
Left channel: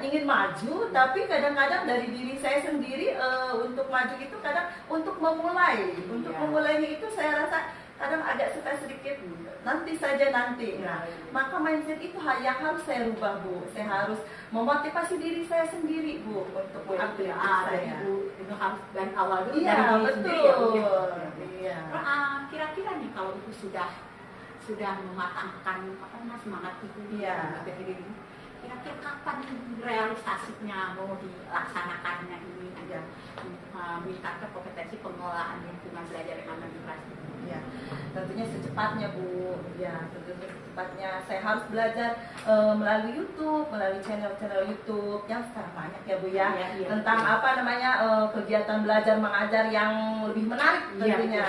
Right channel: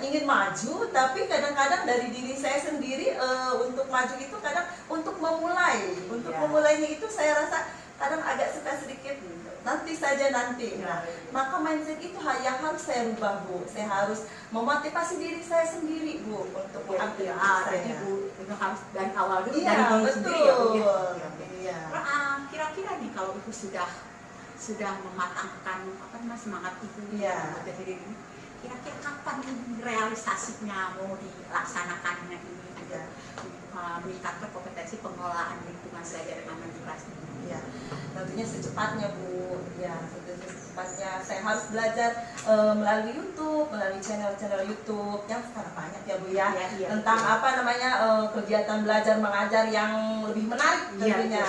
Ingin maju, tapi kadang-kadang dari diri saya sendiri untuk maju itu kadang untuk memulainya itu saya rasa kadang agak suka sedikit nanti saja nanti. Nah, maka mindset itu yang harus saya rubah, Bu. Saya harus memotivasi diri saya sendiri, Bu, untuk mengambil saya. Ibu itu harus dari awal dulu Iya, dari diri betul. sendiri ya, Bu, ya. Iya. Kira-kira nih kalau ibu sudah mematangkan semangat ibu Iya. ke diri ini, kira-kira kapan realisasinya mau dilaksanakannya ini Iya. meningkatkan kompetensi pengelolaan lingkungan belajar dan administrasi? Ya, tentunya secepatnya, Bu. Ya, tentunya secepatnya. Saya harus belajar melalui YouTube, melalui channel-channel YouTube yang sekarang banyak ya, Bu ya. Iya, Tentang kegiatan belajar mengajar yang lebih menarik Iya, tentunya. iya.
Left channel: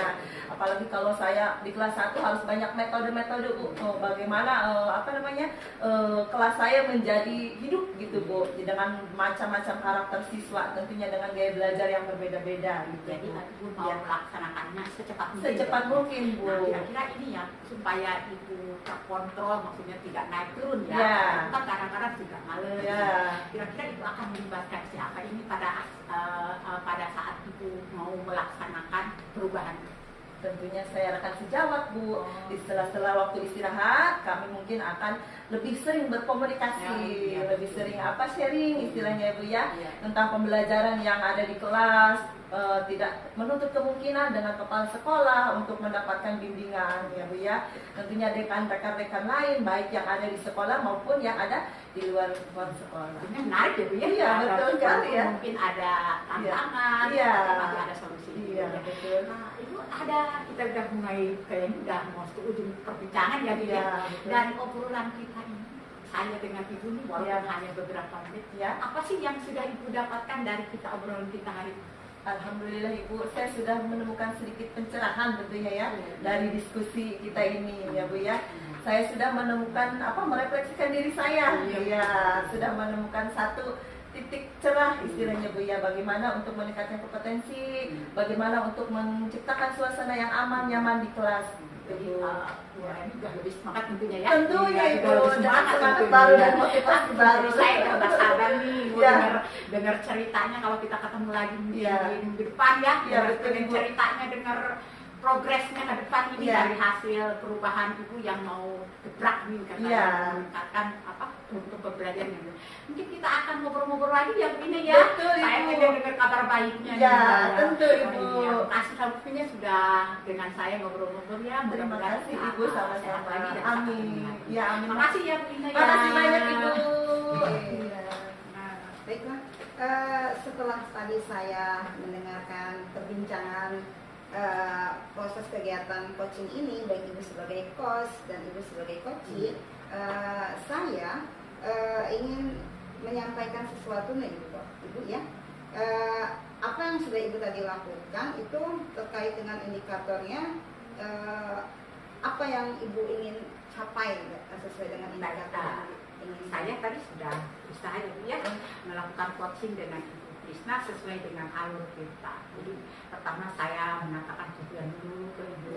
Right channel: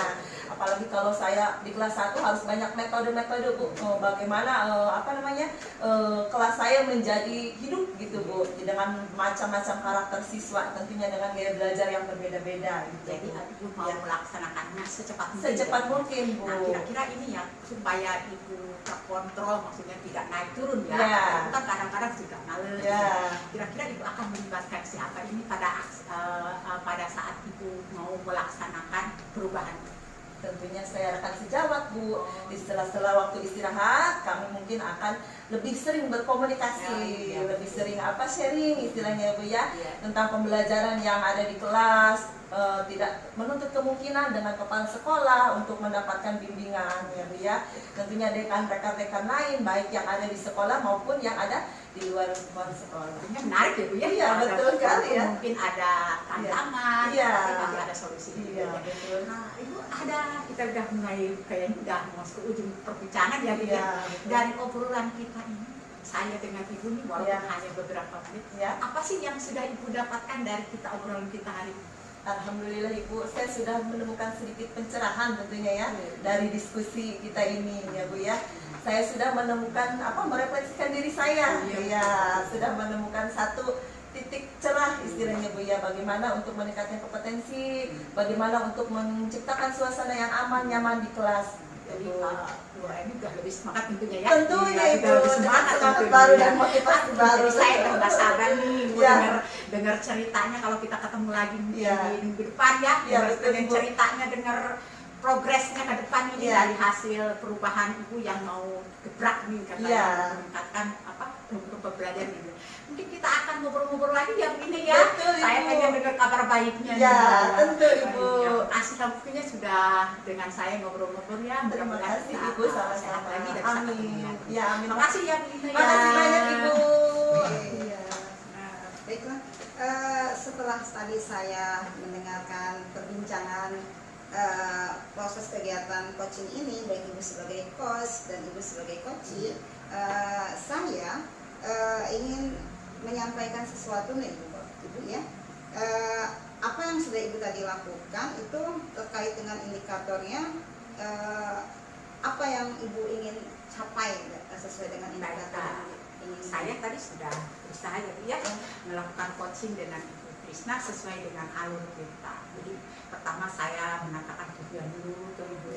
Apalagi kalau saya di kelas 1 harus banyak metode-metode, Bu. Bagaimana kelas saya menjadi hidup gitu, Bu. Dengan macam-macam karakter siswa, tentunya dengan gaya belajar yang berbeda-beda gitu. Jadi ibu mau Ya. melaksanakannya secepat mungkin. Secepat mungkin, Bu. Nah, kira-kira ini ya supaya ibu terkontrol, maksudnya tidak naik turun ya. Ya. Itu kan kadang-kadang juga males. Ya. Kira-kira ibu akan melibatkan siapa ini pada saat ibu mau melaksanakan perubahan? Tentunya saya rekan sejawat, Bu. Di sela-sela waktu istirahat, kami mungkin akan lebih sering berkomunikasi, Ya. lebih sering sharing istilahnya, Bu ya, Ya. tentang pembelajaran yang ada di kelas. Tidak menuntut kemungkinan dengan kepala sekolah untuk mendapatkan bimbingan, ya, Bu ya. Tentunya rekan-rekan lain, baik yang ada di sekolah maupun yang ada di luar sekolah. Ini menarik ya Bu ya. Iya, betul sekali ya. Mungkin ada tantangan, Iya. tapi pasti ada solusi. Iya, betul. Nah, ibu kita udah mulai kayaknya udah mau ke ujung perbincangan ya, Bu ya. Iya, betul. Dari obrolan kita ini, saya dengan ibu nih walaupun Iya. hanya beberapa menit, Ya. apa sih yang sudah ibu dapatkan dari kita obrolan kita hari ini? Alhamdulillah, Ibu, saya sudah menemukan sedikit pencerahan tentunya ya dari diskusi kita ini ya, Bu ya. Saya sudah menemukan merefleksikan diri saya. Ya, sudah menemukan satu titik cerah istilahnya, Bu ya, bagaimana untuk meningkatkan kompetensi, bagaimana untuk menciptakan suasana yang aman, nyaman di kelas. Jadi ini udah lebih semangat tentunya ya. Tentunya, Iya, Ibu, udah lebih dengan semangat semangat tentunya. baru dan motivasi baru. Jadi saya udah gak sabar nih mau Ya. dengar ceritanya kalau kita ketemu lagi Ya. di minggu depan ya. Ya, betul, Dengar Ibu. ceritanya, dengar progresnya ke depan ini Ya. dari hasil perubahan ibu yang mau gebrak nih katanya Ya. meningkatkan untuk pembelajaran ini. Mungkin kita akan ngobrol-ngobrol lagi ya Bu ini ya. Betul, Saya Ibu. pengen dengar kabar baiknya. Ya, nih, tentu, Ibu. Terima kasih waktunya sudah dengan saya ngobrol-ngobrol ya. Terima Mudah-mudahan kasih, kita Ibu, sehat sama-sama. lagi dan bisa ketemu Amin. lagi. Ya, amin. Terima kasih ya Bu Ina ya. Makasih banyak, Ibu. Iya. Nah, Baiklah, setelah tadi saya mendengarkan perbincangan proses kegiatan coaching ini, baik ibu sebagai coach dan ibu sebagai coachee, saya ingin menyampaikan sesuatu nih ibu ya. Apa yang sudah ibu tadi lakukan itu terkait dengan indikatornya, apa yang ibu ingin capai sesuai dengan indikator ini. saya tadi sudah berusaha ya Bu ya melakukan coaching dengan Ibu Trisna sesuai dengan alur kita. Jadi pertama saya mengatakan tujuan dulu ke Ibu,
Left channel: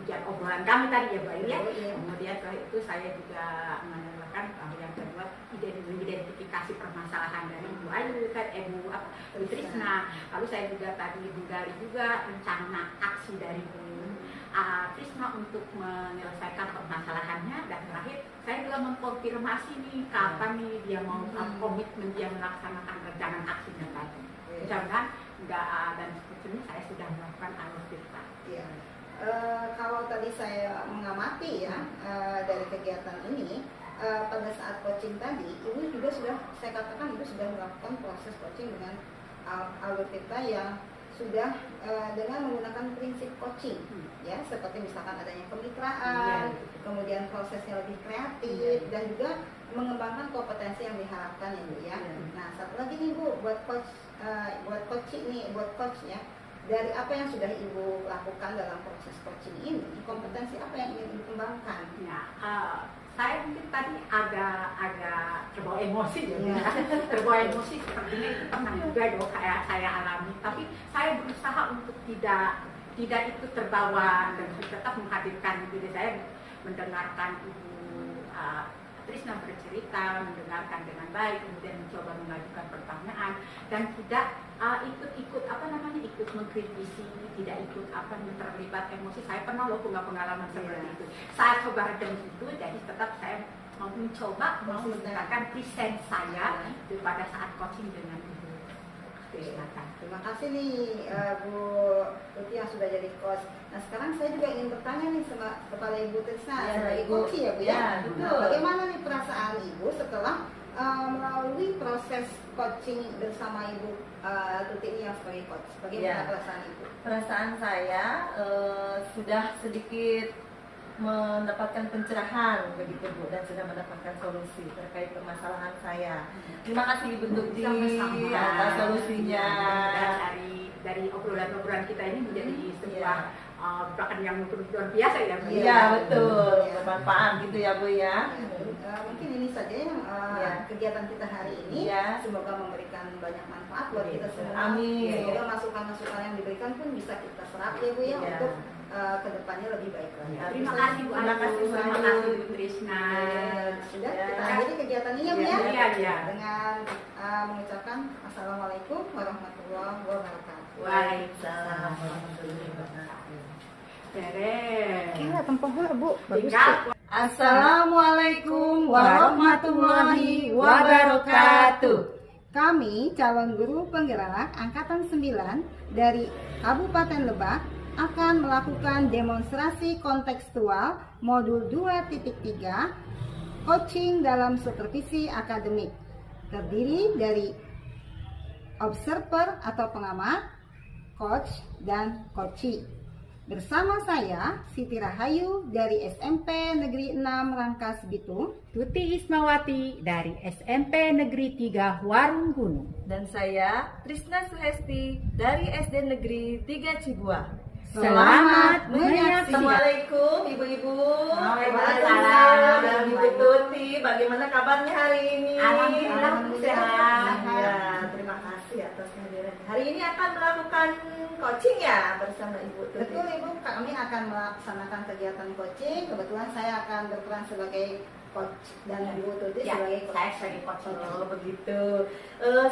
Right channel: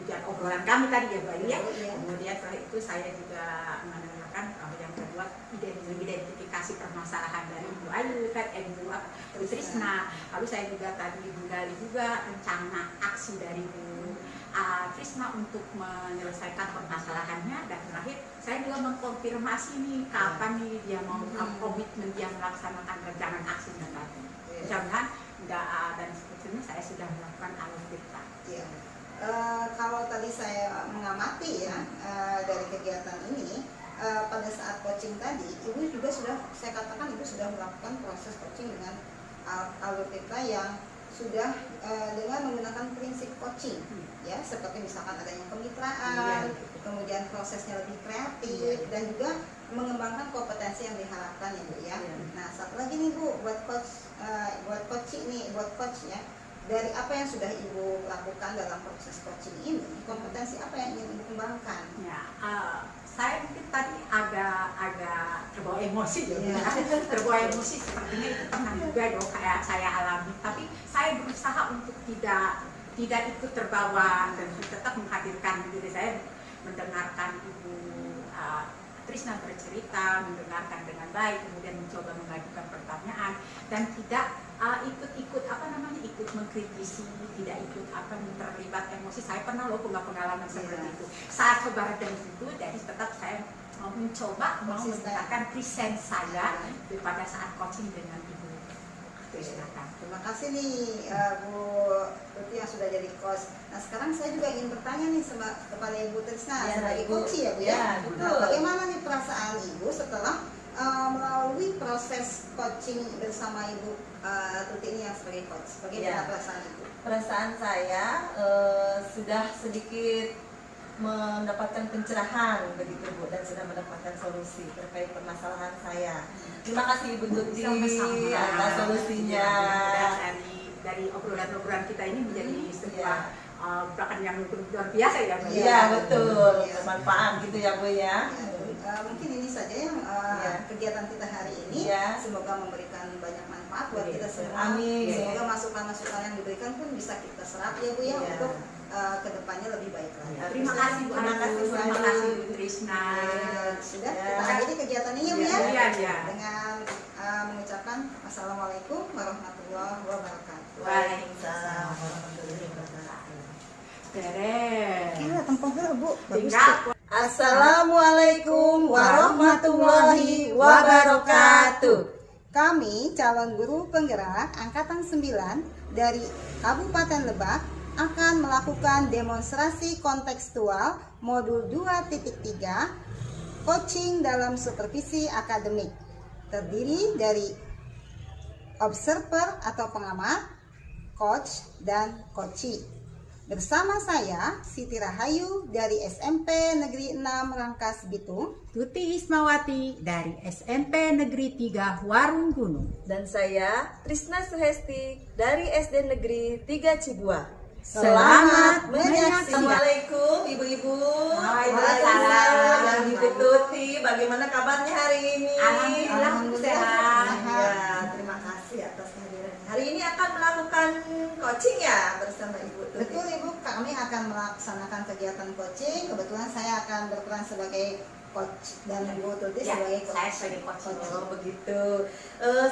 tujuan obrolan kami tadi ya Bu Ayu ya. Iya. Kemudian setelah itu saya juga menerangkan yang kedua identifikasi permasalahan dari Ibu Ayu kan Ibu Trisna. Lalu saya juga tadi menggali juga rencana aksi dari Bu Trisna untuk menyelesaikan permasalahannya, dan terakhir saya juga mengkonfirmasi nih kapan nih dia mau komitmen dia melaksanakan rencana aksinya tadi. Mudah-mudahan dan sebetulnya saya sudah melakukan alur kita. Ya. Kalau tadi saya mengamati ya dari kegiatan ini, pada saat coaching tadi, ibu juga sudah, saya katakan ibu sudah melakukan proses coaching dengan alur kita yang sudah dengan menggunakan prinsip coaching, ya, seperti misalkan adanya kemitraan, kemudian prosesnya lebih kreatif, dan juga mengembangkan kompetensi yang diharapkan ya Bu ya. Nah, satu lagi nih Bu, buat coach ya, dari apa yang sudah ibu lakukan dalam proses coaching ini, kompetensi apa yang ingin ibu kembangkan? Ya, saya mungkin tadi agak terbawa emosi ya, terbawa emosi sepertinya itu pernah juga dong kayak saya alami. Tapi saya berusaha untuk tidak itu terbawa dan tetap menghadirkan diri saya, mendengarkan Ibu Trisna bercerita, mendengarkan dengan baik, kemudian mencoba mengajukan pertanyaan dan tidak ikut apa namanya, ikut mengkritisi, tidak ikut terlibat emosi. Saya pernah loh punya pengalaman seperti itu. Saat kebarat dan itu, jadi tetap saya mau mencoba menggunakan present saya pada saat coaching dengan Ibu. Silakan. Terima kasih nih Bu Tuti yang sudah jadi coach. Nah sekarang saya juga ingin bertanya nih kepada Ibu Trisna sebagai coach ya Bu ya. Betul. Nah, bagaimana nih perasaan Ibu setelah melalui proses coaching bersama Ibu Tuti ini yang sebagai coach? Bagaimana perasaan Ibu? Perasaan saya sudah sedikit mendapatkan pencerahan begitu Bu, dan sudah mendapatkan solusi terkait permasalahan saya. Terima kasih Ibu Tuti atas solusinya. Dan dari obrolan-obrolan kita ini menjadi sebuah bahkan yang luar biasa ya Bu. Iya betul, bermanfaat gitu ya Bu ya. Mungkin ini saja yang kegiatan kita hari ini. Semoga memberikan banyak manfaat buat kita semua. Amin. Semoga masukan-masukan yang diberikan pun bisa kita serap ya Bu ya, untuk kedepannya lebih baik lagi. Terima kasih Bu Ayu, terima kasih Bu Trisna. Sudah kita akhiri kegiatan ini ya Bu ya. Iya. Dengan mengucapkan Assalamualaikum warahmatullahi wabarakatuh. Waalaikumsalam warahmatullahi wabarakatuh. Beres. Iya, tempat Bu. Tinggal Assalamualaikum warahmatullahi wabarakatuh. Kami calon guru penggerak Angkatan 9 dari Kabupaten Lebak akan melakukan demonstrasi kontekstual modul 2.3 coaching dalam supervisi akademik, terdiri dari observer atau pengamat, coach, dan coachee. Bersama saya, Siti Rahayu dari SMP Negeri 6 Rangkas Bitung, Tuti Ismawati dari SMP Negeri 3 Warung Gunung. Dan saya Trisna Suhesti dari SD Negeri 3 Cibua. Selamat menyaksikan. Assalamualaikum ibu-ibu. Waalaikumsalam. Dan Ibu Tuti, bagaimana kabarnya hari ini? Alhamdulillah sehat. Ya, terima kasih atas kehadiran. Hari ini akan melakukan coaching ya bersama Ibu Tuti. Betul Ibu, kami akan melaksanakan kegiatan coaching. Kebetulan saya akan berperan sebagai coach dan Ibu Tuti sebagai coach. Saya sebagai coach. Oh begitu.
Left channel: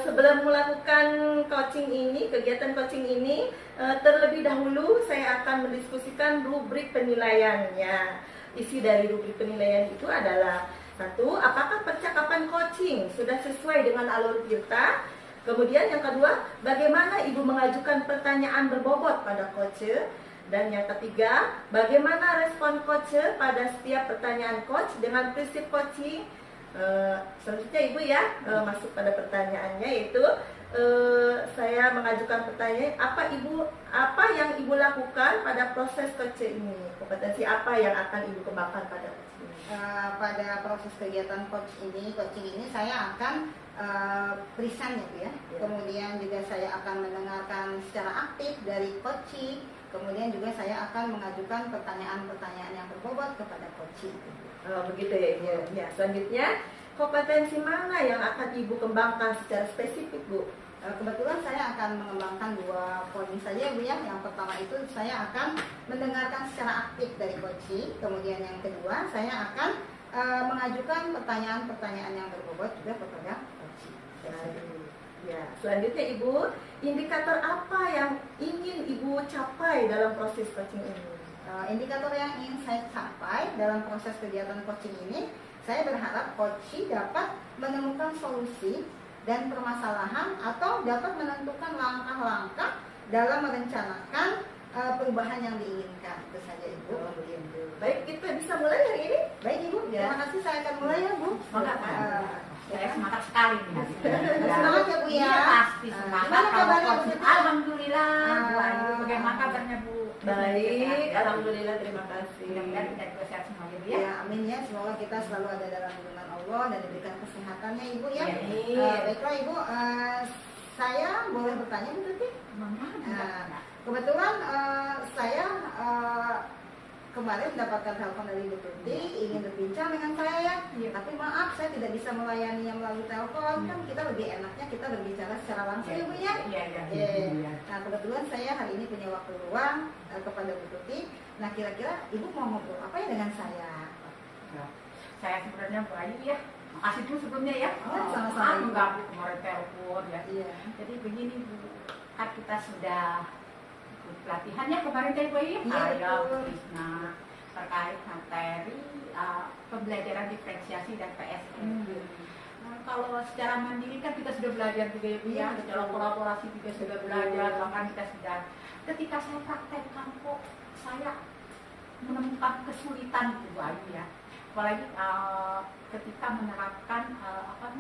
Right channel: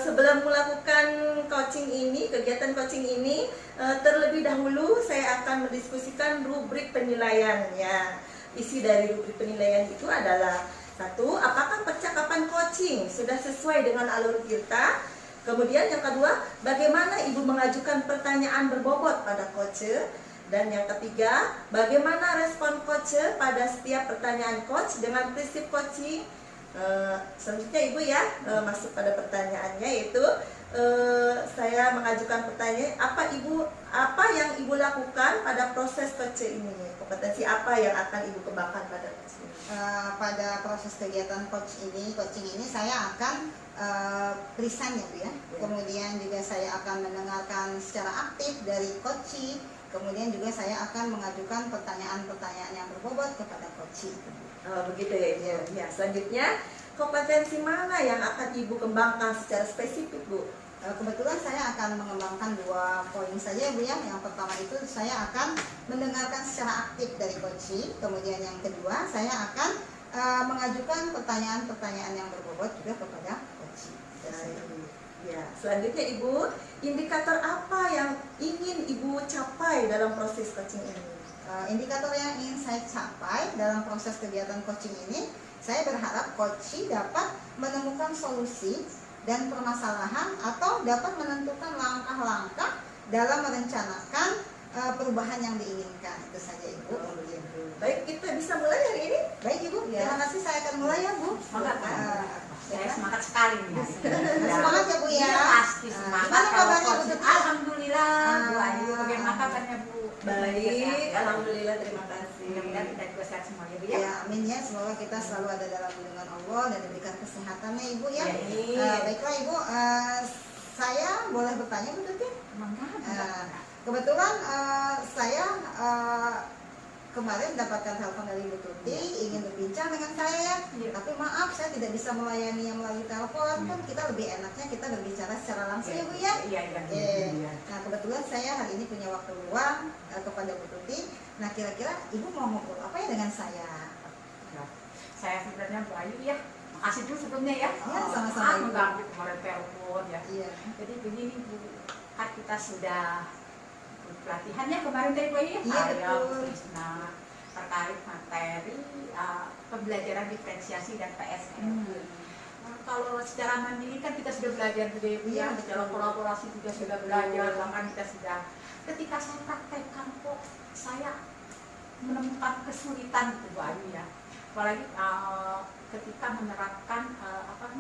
Sebelum melakukan coaching ini, kegiatan coaching ini, terlebih dahulu saya akan mendiskusikan rubrik penilaiannya. Isi dari rubrik penilaian itu adalah: 1. Apakah percakapan coaching sudah sesuai dengan alur Tirta? Kemudian yang kedua, bagaimana Ibu mengajukan pertanyaan berbobot pada coach? Dan yang ketiga, bagaimana respon coach pada setiap pertanyaan coach dengan prinsip coaching? Selanjutnya Ibu ya, masuk pada pertanyaannya, yaitu saya mengajukan pertanyaan, apa yang Ibu lakukan pada proses coaching ini? Kompetensi apa yang akan Ibu kembangkan pada coaching ini? Pada proses kegiatan coaching ini saya akan present ya Bu ya. Kemudian juga saya akan mendengarkan secara aktif dari coaching. Kemudian juga saya akan mengajukan pertanyaan-pertanyaan yang berbobot kepada coaching. Oh, begitu ya Ibu. Ya, selanjutnya kompetensi mana yang akan Ibu kembangkan secara spesifik Bu? Kebetulan saya akan mengembangkan 2 poin saja Bu ya. Yang pertama itu saya akan mendengarkan secara aktif dari coaching. Kemudian yang kedua saya akan mengajukan pertanyaan-pertanyaan yang berbobot juga kepada coaching. Ya, selanjutnya Ibu, indikator apa yang ingin Ibu capai dalam proses coaching ini? Indikator yang ingin saya capai dalam proses kegiatan coaching ini, saya berharap coaching dapat menemukan solusi dan permasalahan atau dapat menentukan langkah-langkah dalam merencanakan perubahan yang diinginkan. Itu saja Ibu. Baik, kita bisa mulai hari ini? Baik Ibu, Ya. terima kasih, saya akan mulai ya Bu. Semangat. Saya semangat sekali nih. Semangat ya Bu ya. Iya, pasti semangat. Gimana Kalau kabarnya, Bu coaching, Tuti? alhamdulillah. Bu Ayu, bagaimana kabarnya Bu? Baik, alhamdulillah, terima kasih. Mudah-mudahan kita juga sehat semua ya Bu ya. Ya, amin ya. Semoga kita selalu ada dalam lindungan Allah dan diberikan kesehatannya Ibu ya. Amin. Baiklah Ibu, saya boleh bertanya Bu Tuti? Kebetulan saya kemarin mendapatkan telepon dari Bu Tuti ingin berbincang dengan saya ya. Tapi maaf saya tidak bisa melayani yang melalui telepon. Kan kita lebih enaknya kita berbicara secara langsung Ibu ya. Iya. Nah kebetulan saya hari ini punya waktu luang kepada Bu Tuti. Nah kira-kira Ibu mau ngobrol apa ya dengan saya? Saya sebenarnya Bu Ayu ya. Makasih dulu sebelumnya ya. Ya, sama-sama, Ibu. Mengganggu kemarin telepon ya. Iya. Jadi begini Bu, kita sudah pelatihannya kemarin tadi Bu ya, Iya, saya betul. Krisna terkait materi pembelajaran diferensiasi dan PSN. Nah, kalau secara mandiri kan kita sudah belajar juga ya, Bu, ya, Iya, secara betul. kolaborasi juga sudah belajar, bahkan kita sudah. Ketika saya praktekkan kok saya menemukan kesulitan Bu Ayu ya, apalagi ketika menerapkan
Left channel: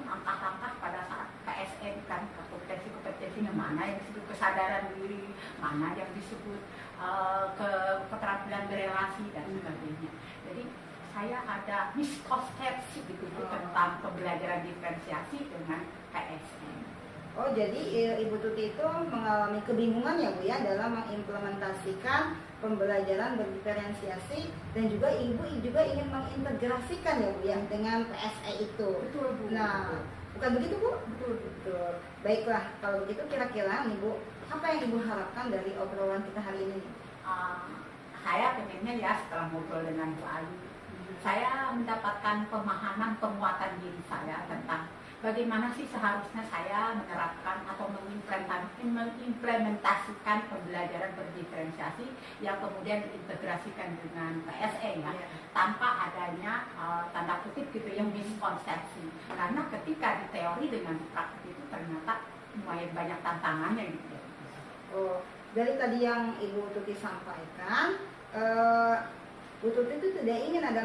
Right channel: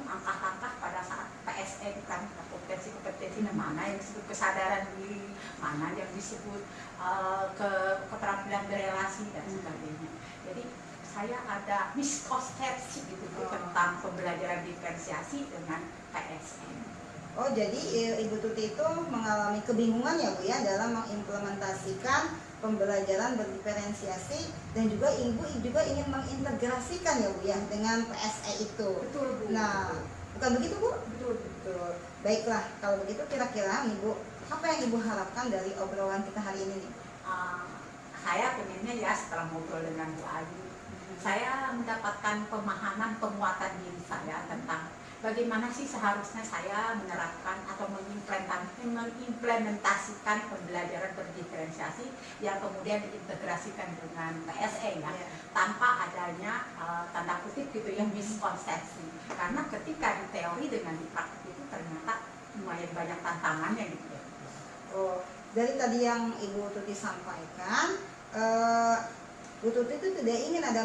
langkah-langkah pada saat PSN kan, kompetensi-kompetensi mana yang disebut kesadaran diri, mana yang disebut keterampilan berelasi dan sebagainya. Jadi saya ada miskonsepsi gitu Bu, tentang pembelajaran diferensiasi dengan PSN. Oh, jadi Ibu Tuti itu mengalami kebingungan ya Bu ya dalam mengimplementasikan pembelajaran berdiferensiasi, dan juga Ibu juga ingin mengintegrasikan ya Bu ya dengan PSE itu. Betul Bu. Nah, bukan begitu Bu? Betul. Betul. Baiklah, kalau begitu kira-kira nih Bu, apa yang Ibu harapkan dari obrolan kita hari ini nih? Saya pengennya ya setelah ngobrol dengan Bu Ayu, saya mendapatkan pemahaman penguatan diri saya tentang bagaimana sih seharusnya saya menerapkan atau mengimplementasikan pembelajaran berdiferensiasi yang kemudian diintegrasikan dengan PSE ya, tanpa adanya tanda kutip gitu yang miskonsepsi. Karena ketika di teori dengan di praktik itu ternyata lumayan banyak tantangannya gitu ya. Oh, dari tadi yang Ibu Tuti sampaikan, Bu Tuti itu tidak ingin ada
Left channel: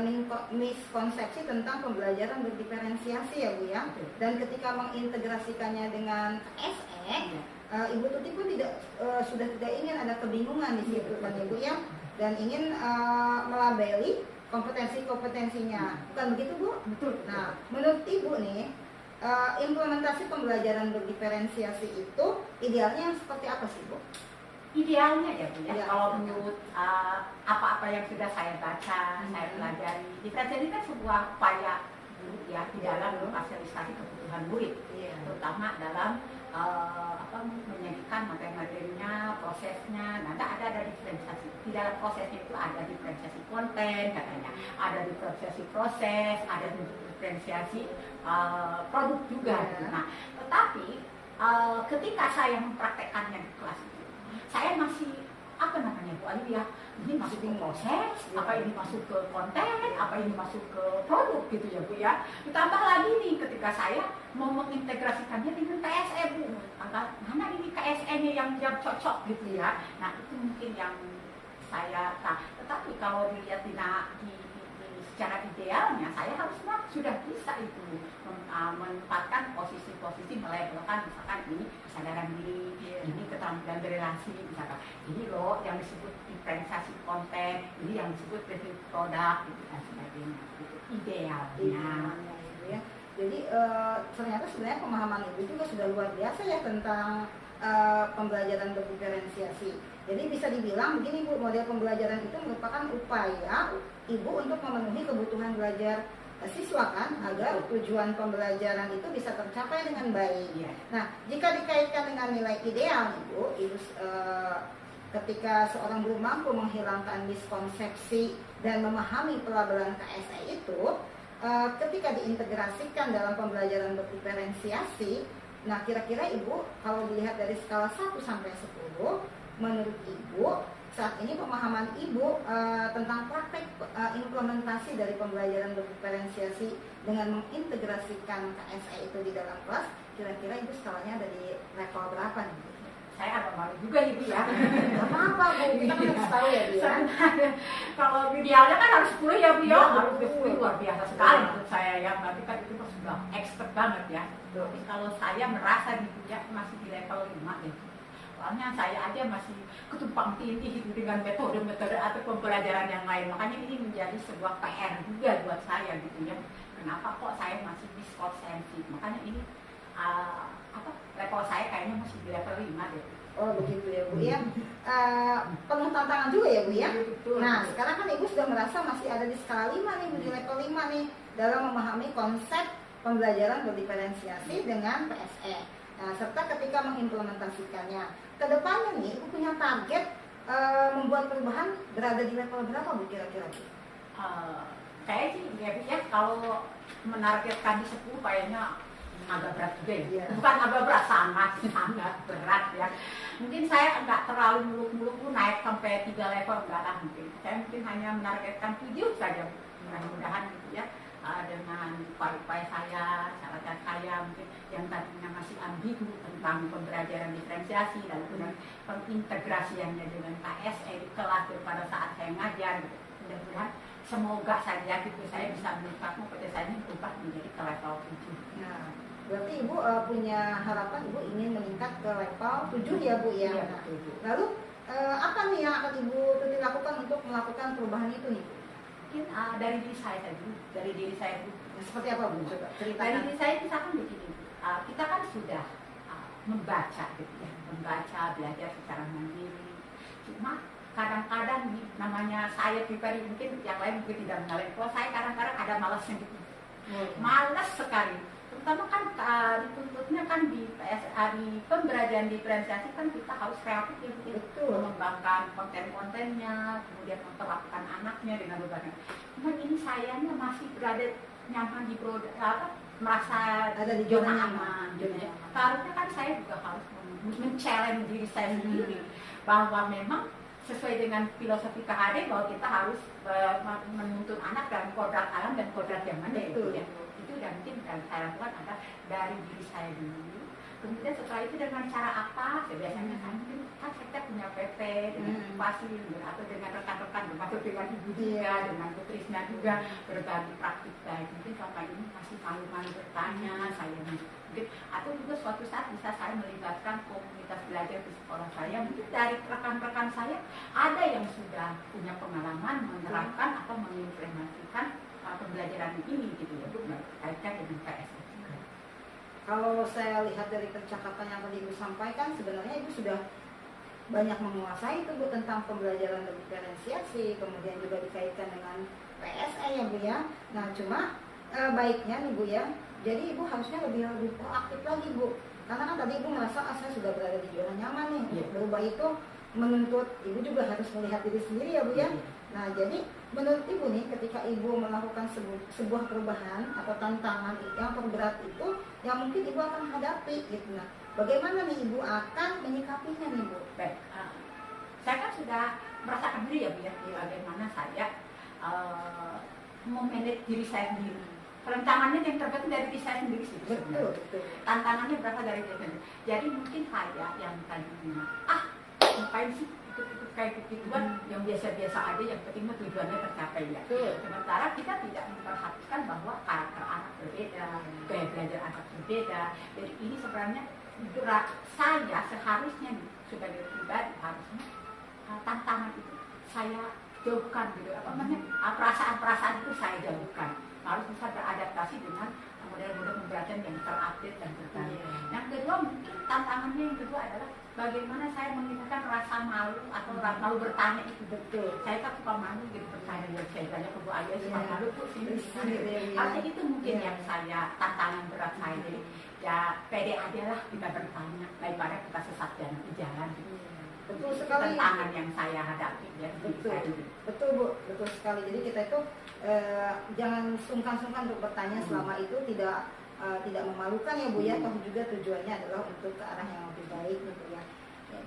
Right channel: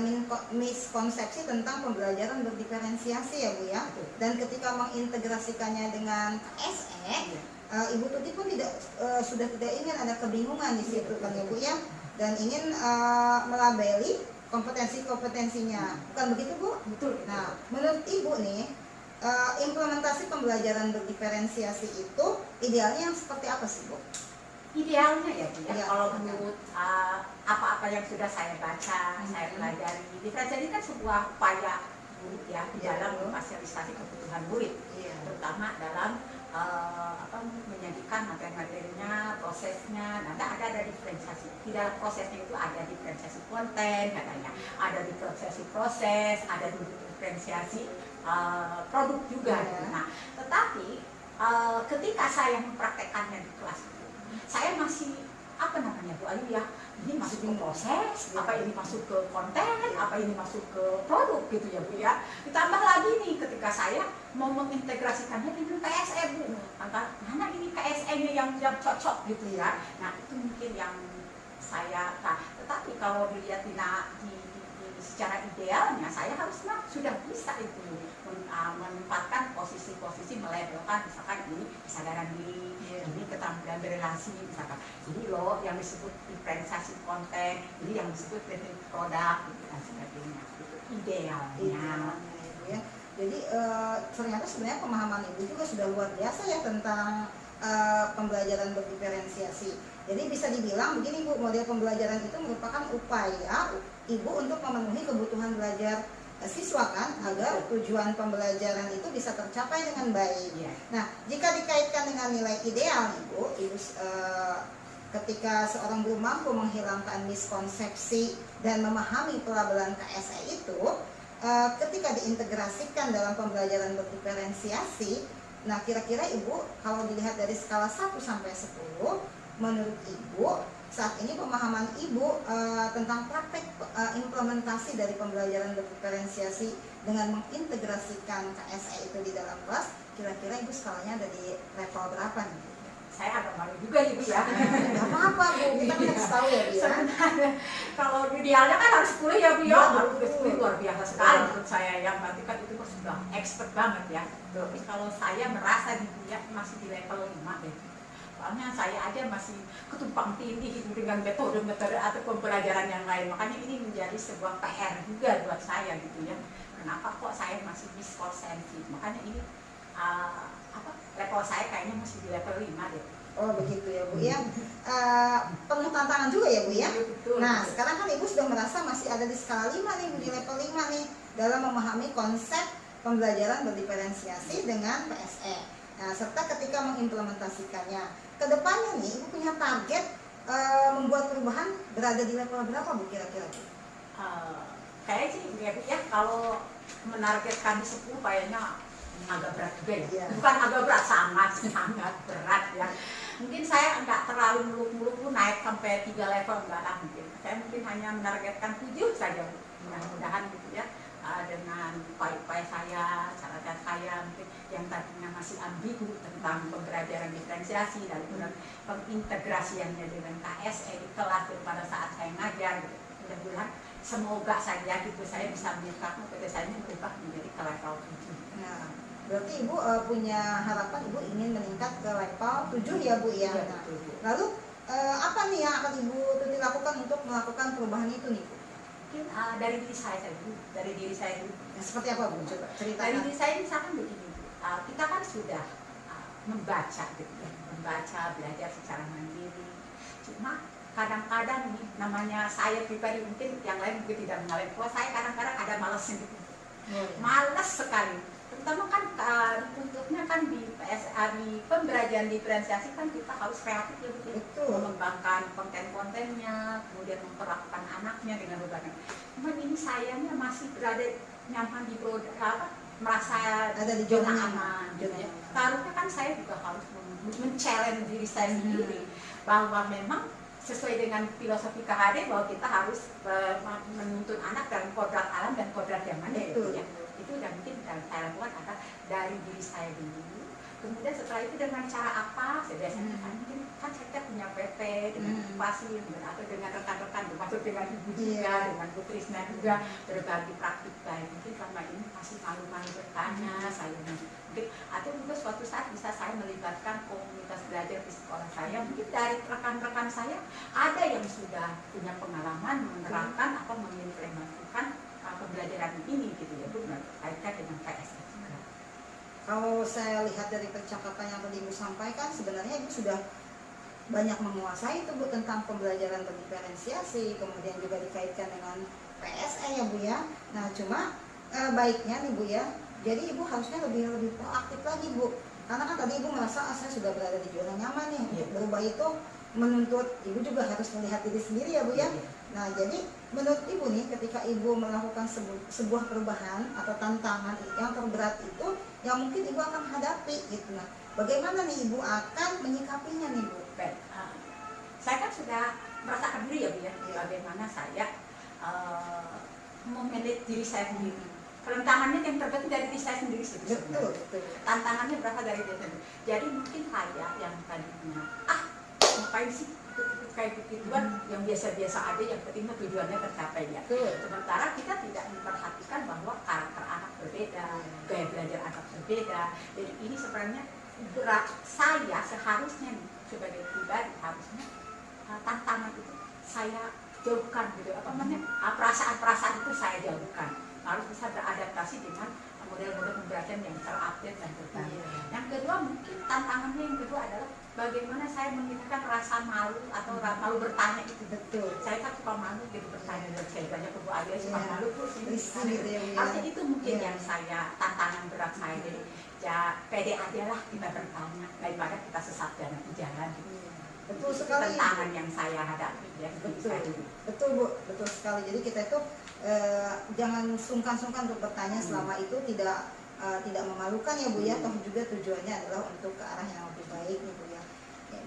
miskonsepsi tentang pembelajaran berdiferensiasi ya Bu ya. Dan ketika mengintegrasikannya dengan PSE, Ibu Tuti pun sudah tidak ingin ada kebingungan di situ kan ya Bu ya. Dan ingin melabeli kompetensi-kompetensinya. Bukan begitu Bu? Betul. Nah, menurut Ibu nih, implementasi pembelajaran berdiferensiasi itu idealnya yang seperti apa sih Bu? Idealnya ya Bu ya, Iya. kalau menurut apa-apa yang sudah saya baca, saya pelajari, diferensiasi kan sebuah upaya ya di dalam memfasilitasi kebutuhan murid, terutama dalam menyajikan materi-materinya, prosesnya. Nah, ada diferensiasi. Di dalam prosesnya itu ada diferensiasi konten katanya, ada diferensiasi proses, ada diferensiasi produk juga. Nah, tetapi ketika saya mempraktekannya di kelas itu, saya masih Bu Ayu ya, ini masuk ke proses, apa ini masuk ke konten, apa ini masuk ke produk gitu ya Bu ya. Ditambah lagi nih ketika saya mau mengintegrasikannya dengan PSE Bu, mana ini PSE-nya yang cocok gitu ya. Nah, itu mungkin yang saya tetapi kalau dilihat secara idealnya saya harusnya sudah bisa itu menempatkan posisi-posisi melabelkan, misalkan ini kesadaran diri, ini keterampilan berelasi misalkan, ini loh yang disebut diferensiasi konten, ini yang disebut teknik produk dan sebagainya. Itu idealnya. Ya. Jadi ternyata sebenarnya pemahaman Ibu juga sudah luar biasa ya tentang pembelajaran berdiferensiasi. Jadi bisa dibilang begini Bu, model pembelajaran itu merupakan upaya Ibu untuk memenuhi kebutuhan belajar siswa kan, agar tujuan pembelajaran itu bisa tercapai dengan baik. Nah, jika dikaitkan dengan nilai ideal Ibu ketika seorang guru mampu menghilangkan miskonsepsi dan memahami pelabelan KSE itu, ketika diintegrasikan dalam pembelajaran berdiferensiasi, nah kira-kira Ibu kalau dilihat dari skala 1 sampai 10, menurut Ibu saat ini pemahaman Ibu tentang praktek implementasi dari pembelajaran berdiferensiasi dengan mengintegrasikan KSE itu di dalam kelas, kira-kira Ibu skalanya ada di level berapa nih? Saya agak malu juga Ibu ya. Gak apa-apa Bu, kita kan harus tahu ya Bu ya. Kalau idealnya kan harus 10 ya Bu ya, harus 10 luar biasa sekali menurut saya, yang berarti kan itu sudah expert banget ya. Tapi kalau saya merasa ya masih di level 5 deh. Soalnya saya aja masih ketumpang tindih gitu dengan metode-metode atau pembelajaran yang lain. Makanya ini menjadi sebuah PR juga buat saya gitu ya. Kenapa kok saya masih miskonsepsi? Makanya ini level saya kayaknya masih di level 5 deh. Oh begitu ya Bu ya. Penuh tantangan juga ya Bu ya. Nah sekarang kan Ibu sudah merasa masih ada di skala 5 nih Bu, di level 5 nih dalam memahami konsep pembelajaran berdiferensiasi dengan PSE. Nah serta ketika mengimplementasikannya, kedepannya nih Ibu punya target membuat perubahan berada di level berapa Bu kira-kira Bu? Kayaknya sih ya Bu ya, kalau menargetkan di 10 kayaknya agak berat juga ya. Bukan agak berat, sangat berat ya. Mungkin saya enggak terlalu muluk-muluk naik sampai 3 level, enggak lah mungkin. Saya mungkin hanya menargetkan 7 saja. Mudah-mudahan gitu ya, dengan upaya-upaya saya, cara saya mungkin yang tadinya masih ambigu tentang pembelajaran diferensiasi dan kemudian pengintegrasiannya dengan KSE di kelas pada saat saya ngajar gitu. Mudah-mudahan semoga saja gitu saya bisa mengungkapkan pada saya ini berubah menjadi ke level 7. Nah, berarti Ibu punya harapan Ibu ingin meningkat ke level 7 ya Bu ya. Iya, Nah, betul, Bu. lalu apa nih yang akan Ibu Tuti lakukan untuk melakukan perubahan itu nih Bu? Mungkin dari diri saya dulu, dari diri saya dulu. Nah, seperti apa Bu? Coba Dari ceritakan. diri saya misalkan begini, kita kan sudah membaca gitu ya, membaca, belajar secara mandiri. Cuma kadang-kadang nih, namanya saya pribadi mungkin yang lain mungkin tidak mengalami. Kalau saya kadang-kadang ada malasnya gitu, malas sekali. Terutama kan dituntutnya kan di PSA di pembelajaran diferensiasi kan kita harus kreatif ya, Betul. mengembangkan konten-kontennya, kemudian memperlakukan anaknya dengan berbagai. Cuman ini sayanya masih berada nyaman di merasa Ada di zona zona aman. nyaman. Gitu ya. Seharusnya kan saya juga harus men-challenge diri saya sendiri bahwa memang sesuai dengan filosofi KHD bahwa kita harus menuntun anak dalam kodrat alam dan kodrat yang mana gitu ya. Itu udah mungkin dalam saya lakukan ada dari diri saya dulu. Kemudian setelah itu dengan cara apa? Saya biasanya mungkin kan saya punya PP dengan pasti atau dengan rekan-rekan termasuk dengan Ibu juga, dengan Bu Trisna juga berbagi praktik baik. Mungkin karena ini masih malu-malu bertanya saya mungkin atau juga suatu saat bisa saya melibatkan komunitas belajar di sekolah saya. Mungkin dari rekan-rekan saya ada yang sudah punya pengalaman menerapkan atau mengimplementasikan pembelajaran ini gitu ya, Bu, berkaitan dengan PSS. Kalau saya lihat dari percakapan yang tadi Ibu sampaikan, sebenarnya Ibu sudah banyak menguasai itu Bu tentang pembelajaran diferensiasi, kemudian juga dikaitkan dengan PSE ya Bu ya. Nah cuma baiknya nih Bu ya, jadi Ibu harusnya lebih proaktif lagi Bu. Karena kan tadi Ibu merasa saya sudah berada di zona nyaman nih. Berubah itu menuntut Ibu juga harus melihat diri sendiri ya Bu ya. Nah jadi menurut Ibu nih ketika Ibu melakukan sebuah perubahan atau tantangan yang terberat itu yang mungkin Ibu akan hadapi gitu. Nah bagaimana nih Ibu akan menyikapinya nih Bu? Baik, saya kan sudah merasakan diri ya Bu ya, bagaimana saya memanage diri saya sendiri. Tantangannya yang terberat dari diri saya sendiri sih. Betul. Tantangannya berasal dari diri sendiri. Jadi mungkin saya yang tadinya ngapain sih ikut kayak begituan yang biasa-biasa aja, yang penting tujuannya tercapai ya. Sementara kita tidak memperhatikan bahwa karakter anak berbeda, gaya belajar anak berbeda. Jadi ini sebenarnya gerak saya seharusnya sebagai pribadi harusnya tantangan itu saya jauhkan gitu, perasaan-perasaan itu saya jauhkan, harus bisa beradaptasi dengan model-model pembelajaran yang terupdate dan terbaru. Yang kedua mungkin tantangannya yang kedua adalah bagaimana saya menghilangkan rasa malu atau malu bertanya itu. Betul. Saya tak suka malu gitu bertanya, dan saya banyak ke Bu Aya suka malu Bu sini. Artinya itu mungkin yang saya tantangan berat saya. Jadi ya pede aja lah kita bertanya daripada kita sesat dan nanti jalan gitu. Betul sekali. Tantangan yang saya hadapi ya. Betul Bu, betul sekali. Jadi kita itu jangan sungkan-sungkan untuk bertanya selama itu tidak memalukan ya Bu ya. Toh juga tujuannya adalah untuk ke arah yang lebih baik gitu ya.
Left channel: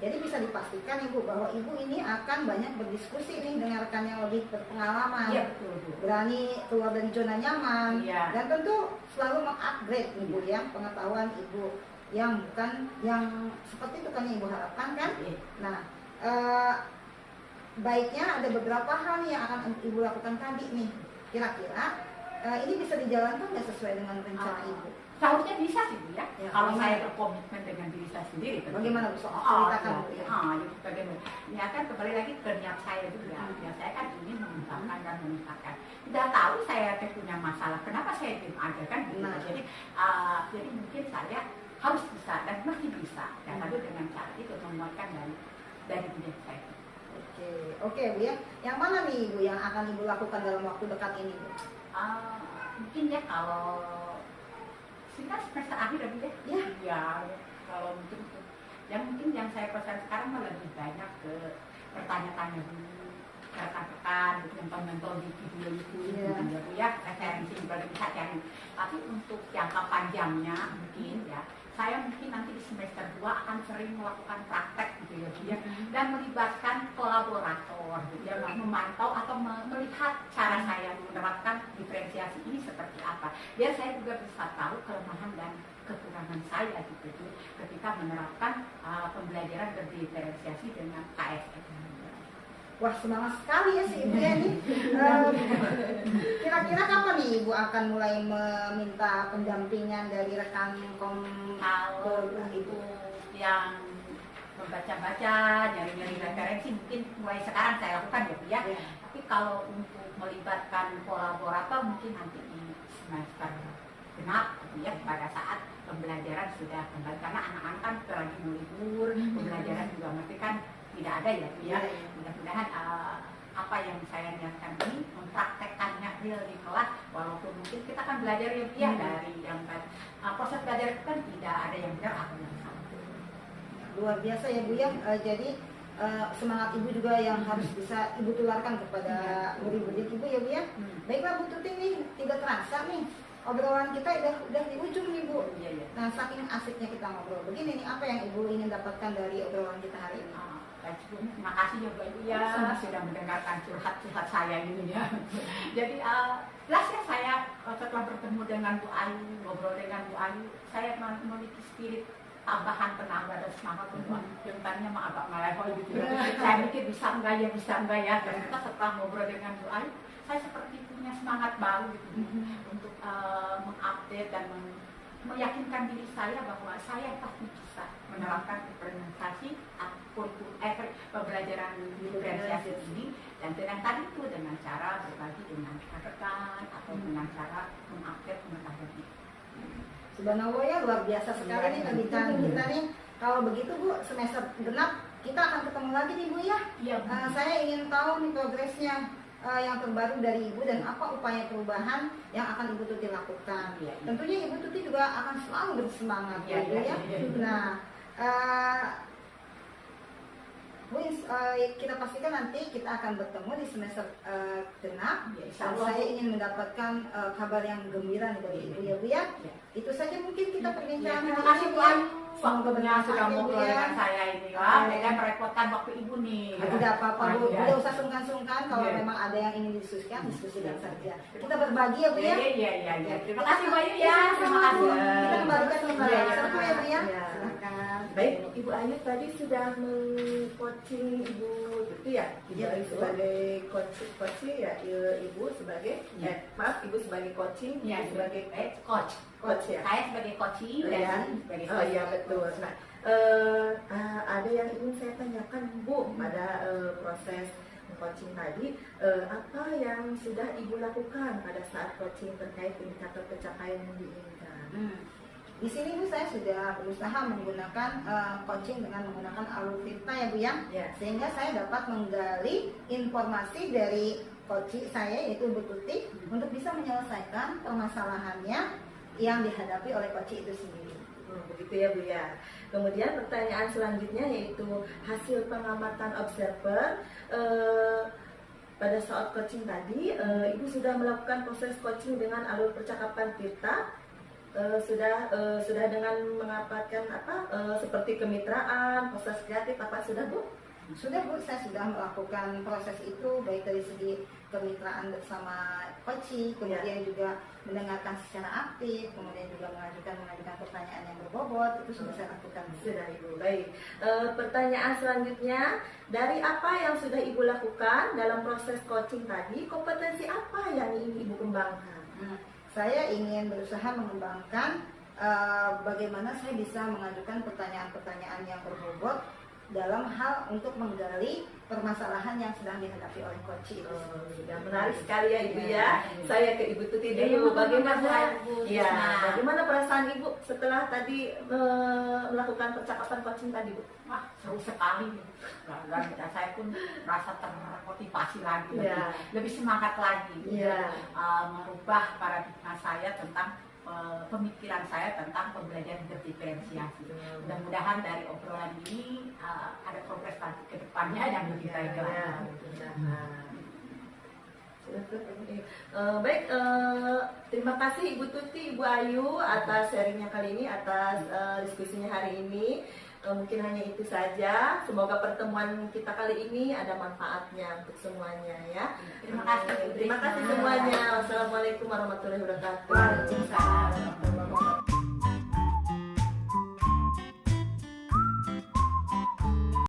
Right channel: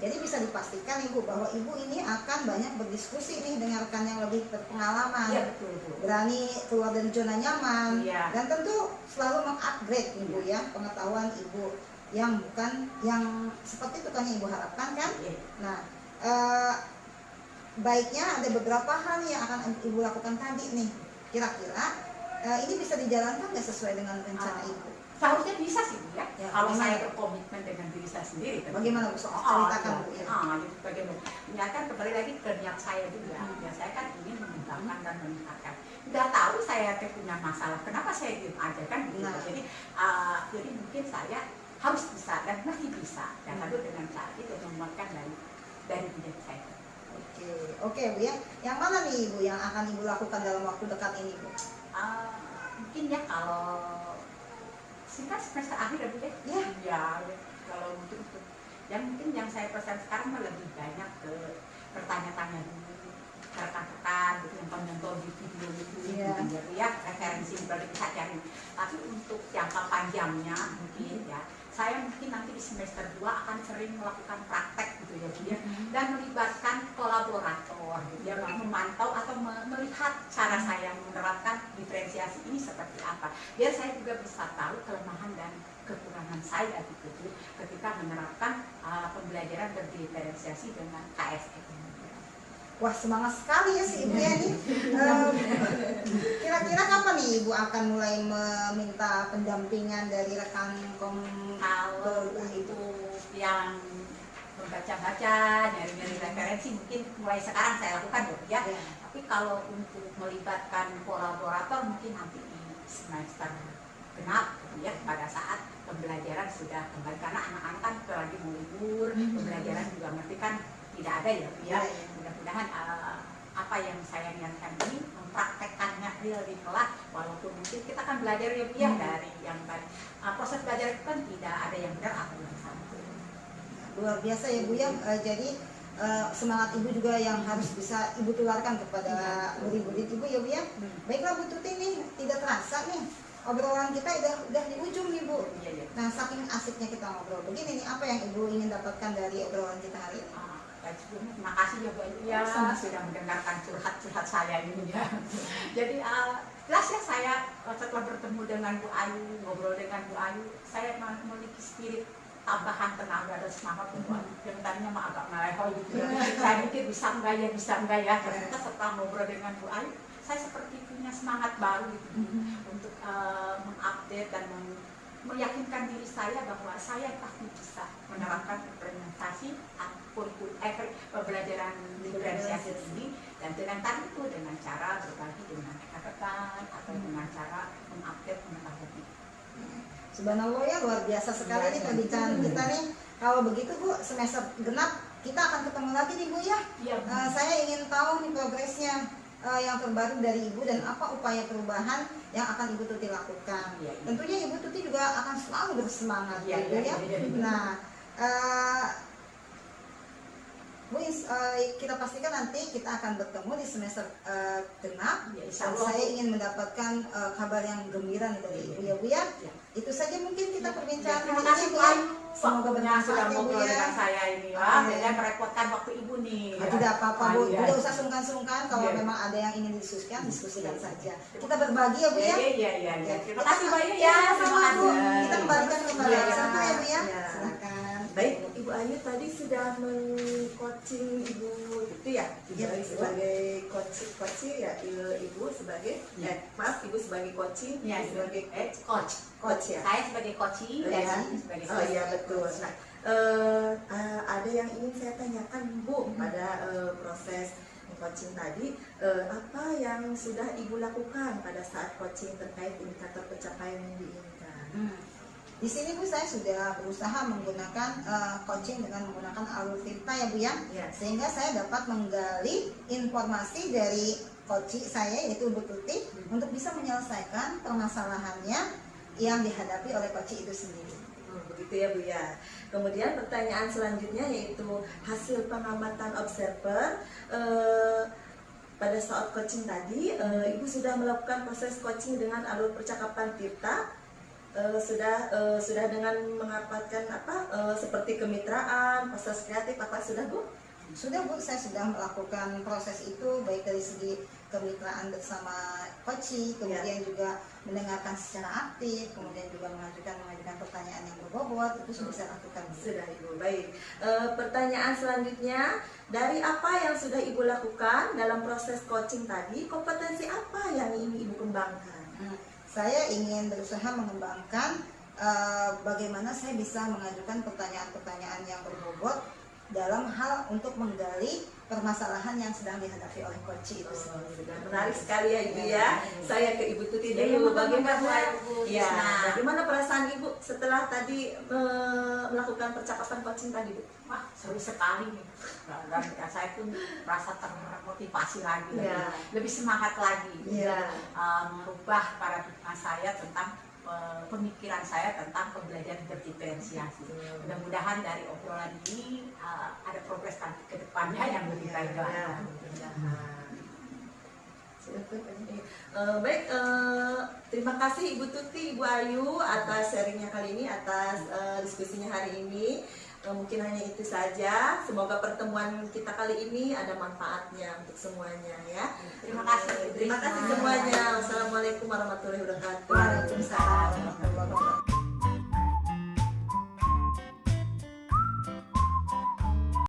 Jadi bisa dipastikan Ibu bahwa Ibu ini akan banyak berdiskusi nih dengan rekan yang lebih berpengalaman. Iya betul Bu. Berani keluar dari zona nyaman. Ya. Dan tentu selalu mengupgrade Ibu ya pengetahuan Ibu yang bukan yang seperti itu kan yang Ibu harapkan kan. Ya. Nah baiknya ada beberapa hal yang akan Ibu lakukan tadi nih. Kira-kira ini bisa dijalankan nggak sesuai dengan rencana Ibu? Seharusnya bisa sih Bu ya. Ya, Kalau bagaimana? saya berkomitmen dengan diri saya sendiri. Bagaimana Bu? Ceritakan Bu ya. Jadi bagaimana? Ya kan kembali lagi ke niat saya juga. Ya saya kan ingin mengembangkan dan meningkatkan. Udah tahu saya punya masalah, kenapa saya diem aja kan? Gitu. Nah. Jadi mungkin saya harus bisa dan masih bisa. Dan lalu dengan cara itu menguatkan dari diri saya. Oke Bu ya. Yang mana nih Ibu yang akan Ibu lakukan dalam waktu dekat ini Bu? Mungkin ya kalau singkat semester akhir ya. Ya kalau mungkin yang saya pesan sekarang malah lebih banyak ke bertanya-tanya dulu rekan-rekan gitu, nonton di video itu ya referensi berarti bisa cari. Tapi untuk jangka panjangnya mungkin ya saya mungkin nanti di semester 2 akan sering melakukan praktek gitu ya Bu ya, dan melibatkan kolaborator gitu ya, memantau atau melihat cara saya menerapkan diferensiasi ini seperti apa, biar saya juga bisa tahu kelemahan dan kekurangan saya gitu ketika menerapkan pembelajaran berdiferensiasi dengan KSM. Wah, semangat sekali ya si Ibu ya nih. Kira-kira kapan nih Ibu akan mulai meminta pendampingan dari rekan Kalau itu yang membaca-baca, nyari-nyari referensi mungkin mulai sekarang saya lakukan ya, tapi kalau untuk melibatkan kolaborator mungkin nanti di semester genap gitu ya, pada saat pembelajaran sudah kembali, karena anak-anak kan lagi mau libur, pembelajaran juga ngerti kan tidak ada ya. Mudah-mudahan apa yang saya niatkan ini mempraktekkannya real di kelas, walaupun mungkin kita kan belajar ya dari yang tadi proses belajar itu kan tidak ada yang benar atau yang salah. Luar biasa ya Bu ya. Jadi semangat Ibu juga yang harus bisa Ibu tularkan kepada murid-murid Ibu ya Bu ya. Baiklah Bu Tuti nih, tidak terasa nih obrolan kita udah di ujung nih Bu. Nah, saking asiknya kita ngobrol begini nih, apa yang Ibu ingin dapatkan dari obrolan kita hari ini? Baik, terima kasih ya Bu Ayu ya sudah mendengarkan curhat-curhat saya ini ya. Jadi jelas ya, saya setelah bertemu dengan Bu Ayu, ngobrol dengan Bu Ayu, saya memiliki spirit tambahan tenaga dan semangat Bu Ayu yang tadinya mah agak melehoi gitu ya. Saya mikir bisa enggak ya. Ternyata setelah ngobrol dengan Bu Ayu, saya seperti punya semangat baru gitu untuk mengupdate dan meyakinkan diri saya bahwa saya pasti bisa menerapkan implementasi pembelajaran diferensiasi ini, dan dengan tadi itu dengan cara berbagi dengan rekan atau dengan cara mengupdate pengetahuan. Subhanallah ya, luar biasa sekali nih pembicaraan kita nih. Kalau begitu Bu, semester genap kita akan ketemu lagi nih Bu ya. Saya ingin tahu nih progresnya yang terbaru dari Ibu dan apa upaya perubahan yang akan Ibu Tuti lakukan. Tentunya Ibu Tuti juga akan selalu bersemangat ya. Nah, Bu, kita pastikan nanti kita akan bertemu di semester genap. Dan saya ingin mendapatkan kabar yang gembira nih dari Ibu ya Bu ya. Itu saja mungkin kita perbincangan Terima kasih Bu Ayu. Semoga benar sudah bermanfaat ya Bu ngobrol ya. dengan saya ini lah, dan merepotkan waktu Ibu nih. Tidak apa-apa Bu, tidak usah sungkan-sungkan. Kalau memang ada yang ingin didiskusikan, diskusikan saja. Kita berbagi ya Bu ya. Iya. Terima kasih Bu Ayu ya. Terima kasih Bu. Kita kembalikan kepada Iya. Satu ya Bu ya. Silakan. Baik, Ibu Ayu tadi sudah meng-coaching Ibu itu ya, Ibu Ayu sebagai coach ya, Ibu sebagai Ibu sebagai coaching, sebagai coach ya. Saya sebagai coaching dan sebagai betul. Nah, ada yang ingin saya tanyakan Bu pada proses coaching tadi, apa yang sudah Ibu lakukan pada saat coaching terkait indikator pencapaian yang diinginkan? Di sini Bu, saya sudah berusaha menggunakan coaching dengan menggunakan alur Tirta ya Bu ya. Sehingga saya dapat menggali informasi dari coach saya yaitu Bu Tuti untuk bisa menyelesaikan permasalahannya yang dihadapi oleh coach itu sendiri. Begitu ya Bu ya. Kemudian pertanyaan selanjutnya yaitu hasil pengamatan observer. Pada saat coaching tadi, Ibu sudah melakukan proses coaching dengan alur percakapan Tirta. Sudah dengan mengapatkan seperti kemitraan, proses kreatif sudah Bu? Sudah Bu, saya sudah melakukan proses itu baik dari segi kemitraan bersama coach, kemudian juga mendengarkan secara aktif, kemudian juga mengajukan pertanyaan yang berbobot, itu sudah saya lakukan. Sudah Ibu, baik. Pertanyaan selanjutnya, dari apa yang sudah Ibu lakukan dalam proses coaching tadi, kompetensi apa yang ingin Ibu kembangkan? Saya ingin berusaha mengembangkan bagaimana saya bisa mengajukan pertanyaan-pertanyaan yang berbobot dalam hal untuk menggali permasalahan yang sedang dihadapi oleh coach itu. Sudah menarik sekali ya Ibu ya. Saya ke Ibu Tuti dulu. Bagaimana perasaan Ibu setelah tadi melakukan percakapan coaching tadi Bu? Wah, seru sekali nih. Dan saya pun merasa termotivasi lagi, lebih semangat lagi, merubah paradigma saya tentang pemikiran saya tentang pembelajaran berdiferensiasi. Mudah-mudahan dari obrolan ini ada progres nanti ke depannya yang lebih baik lagi. Baik, terima kasih Ibu Tuti, Ibu Ayu atas sharingnya kali ini, atas diskusinya hari ini. Mungkin hanya itu saja. Semoga pertemuan kita kali ini ada manfaatnya untuk semuanya ya. Terima kasih. Terima kasih semuanya. Wassalamualaikum warahmatullahi wabarakatuh.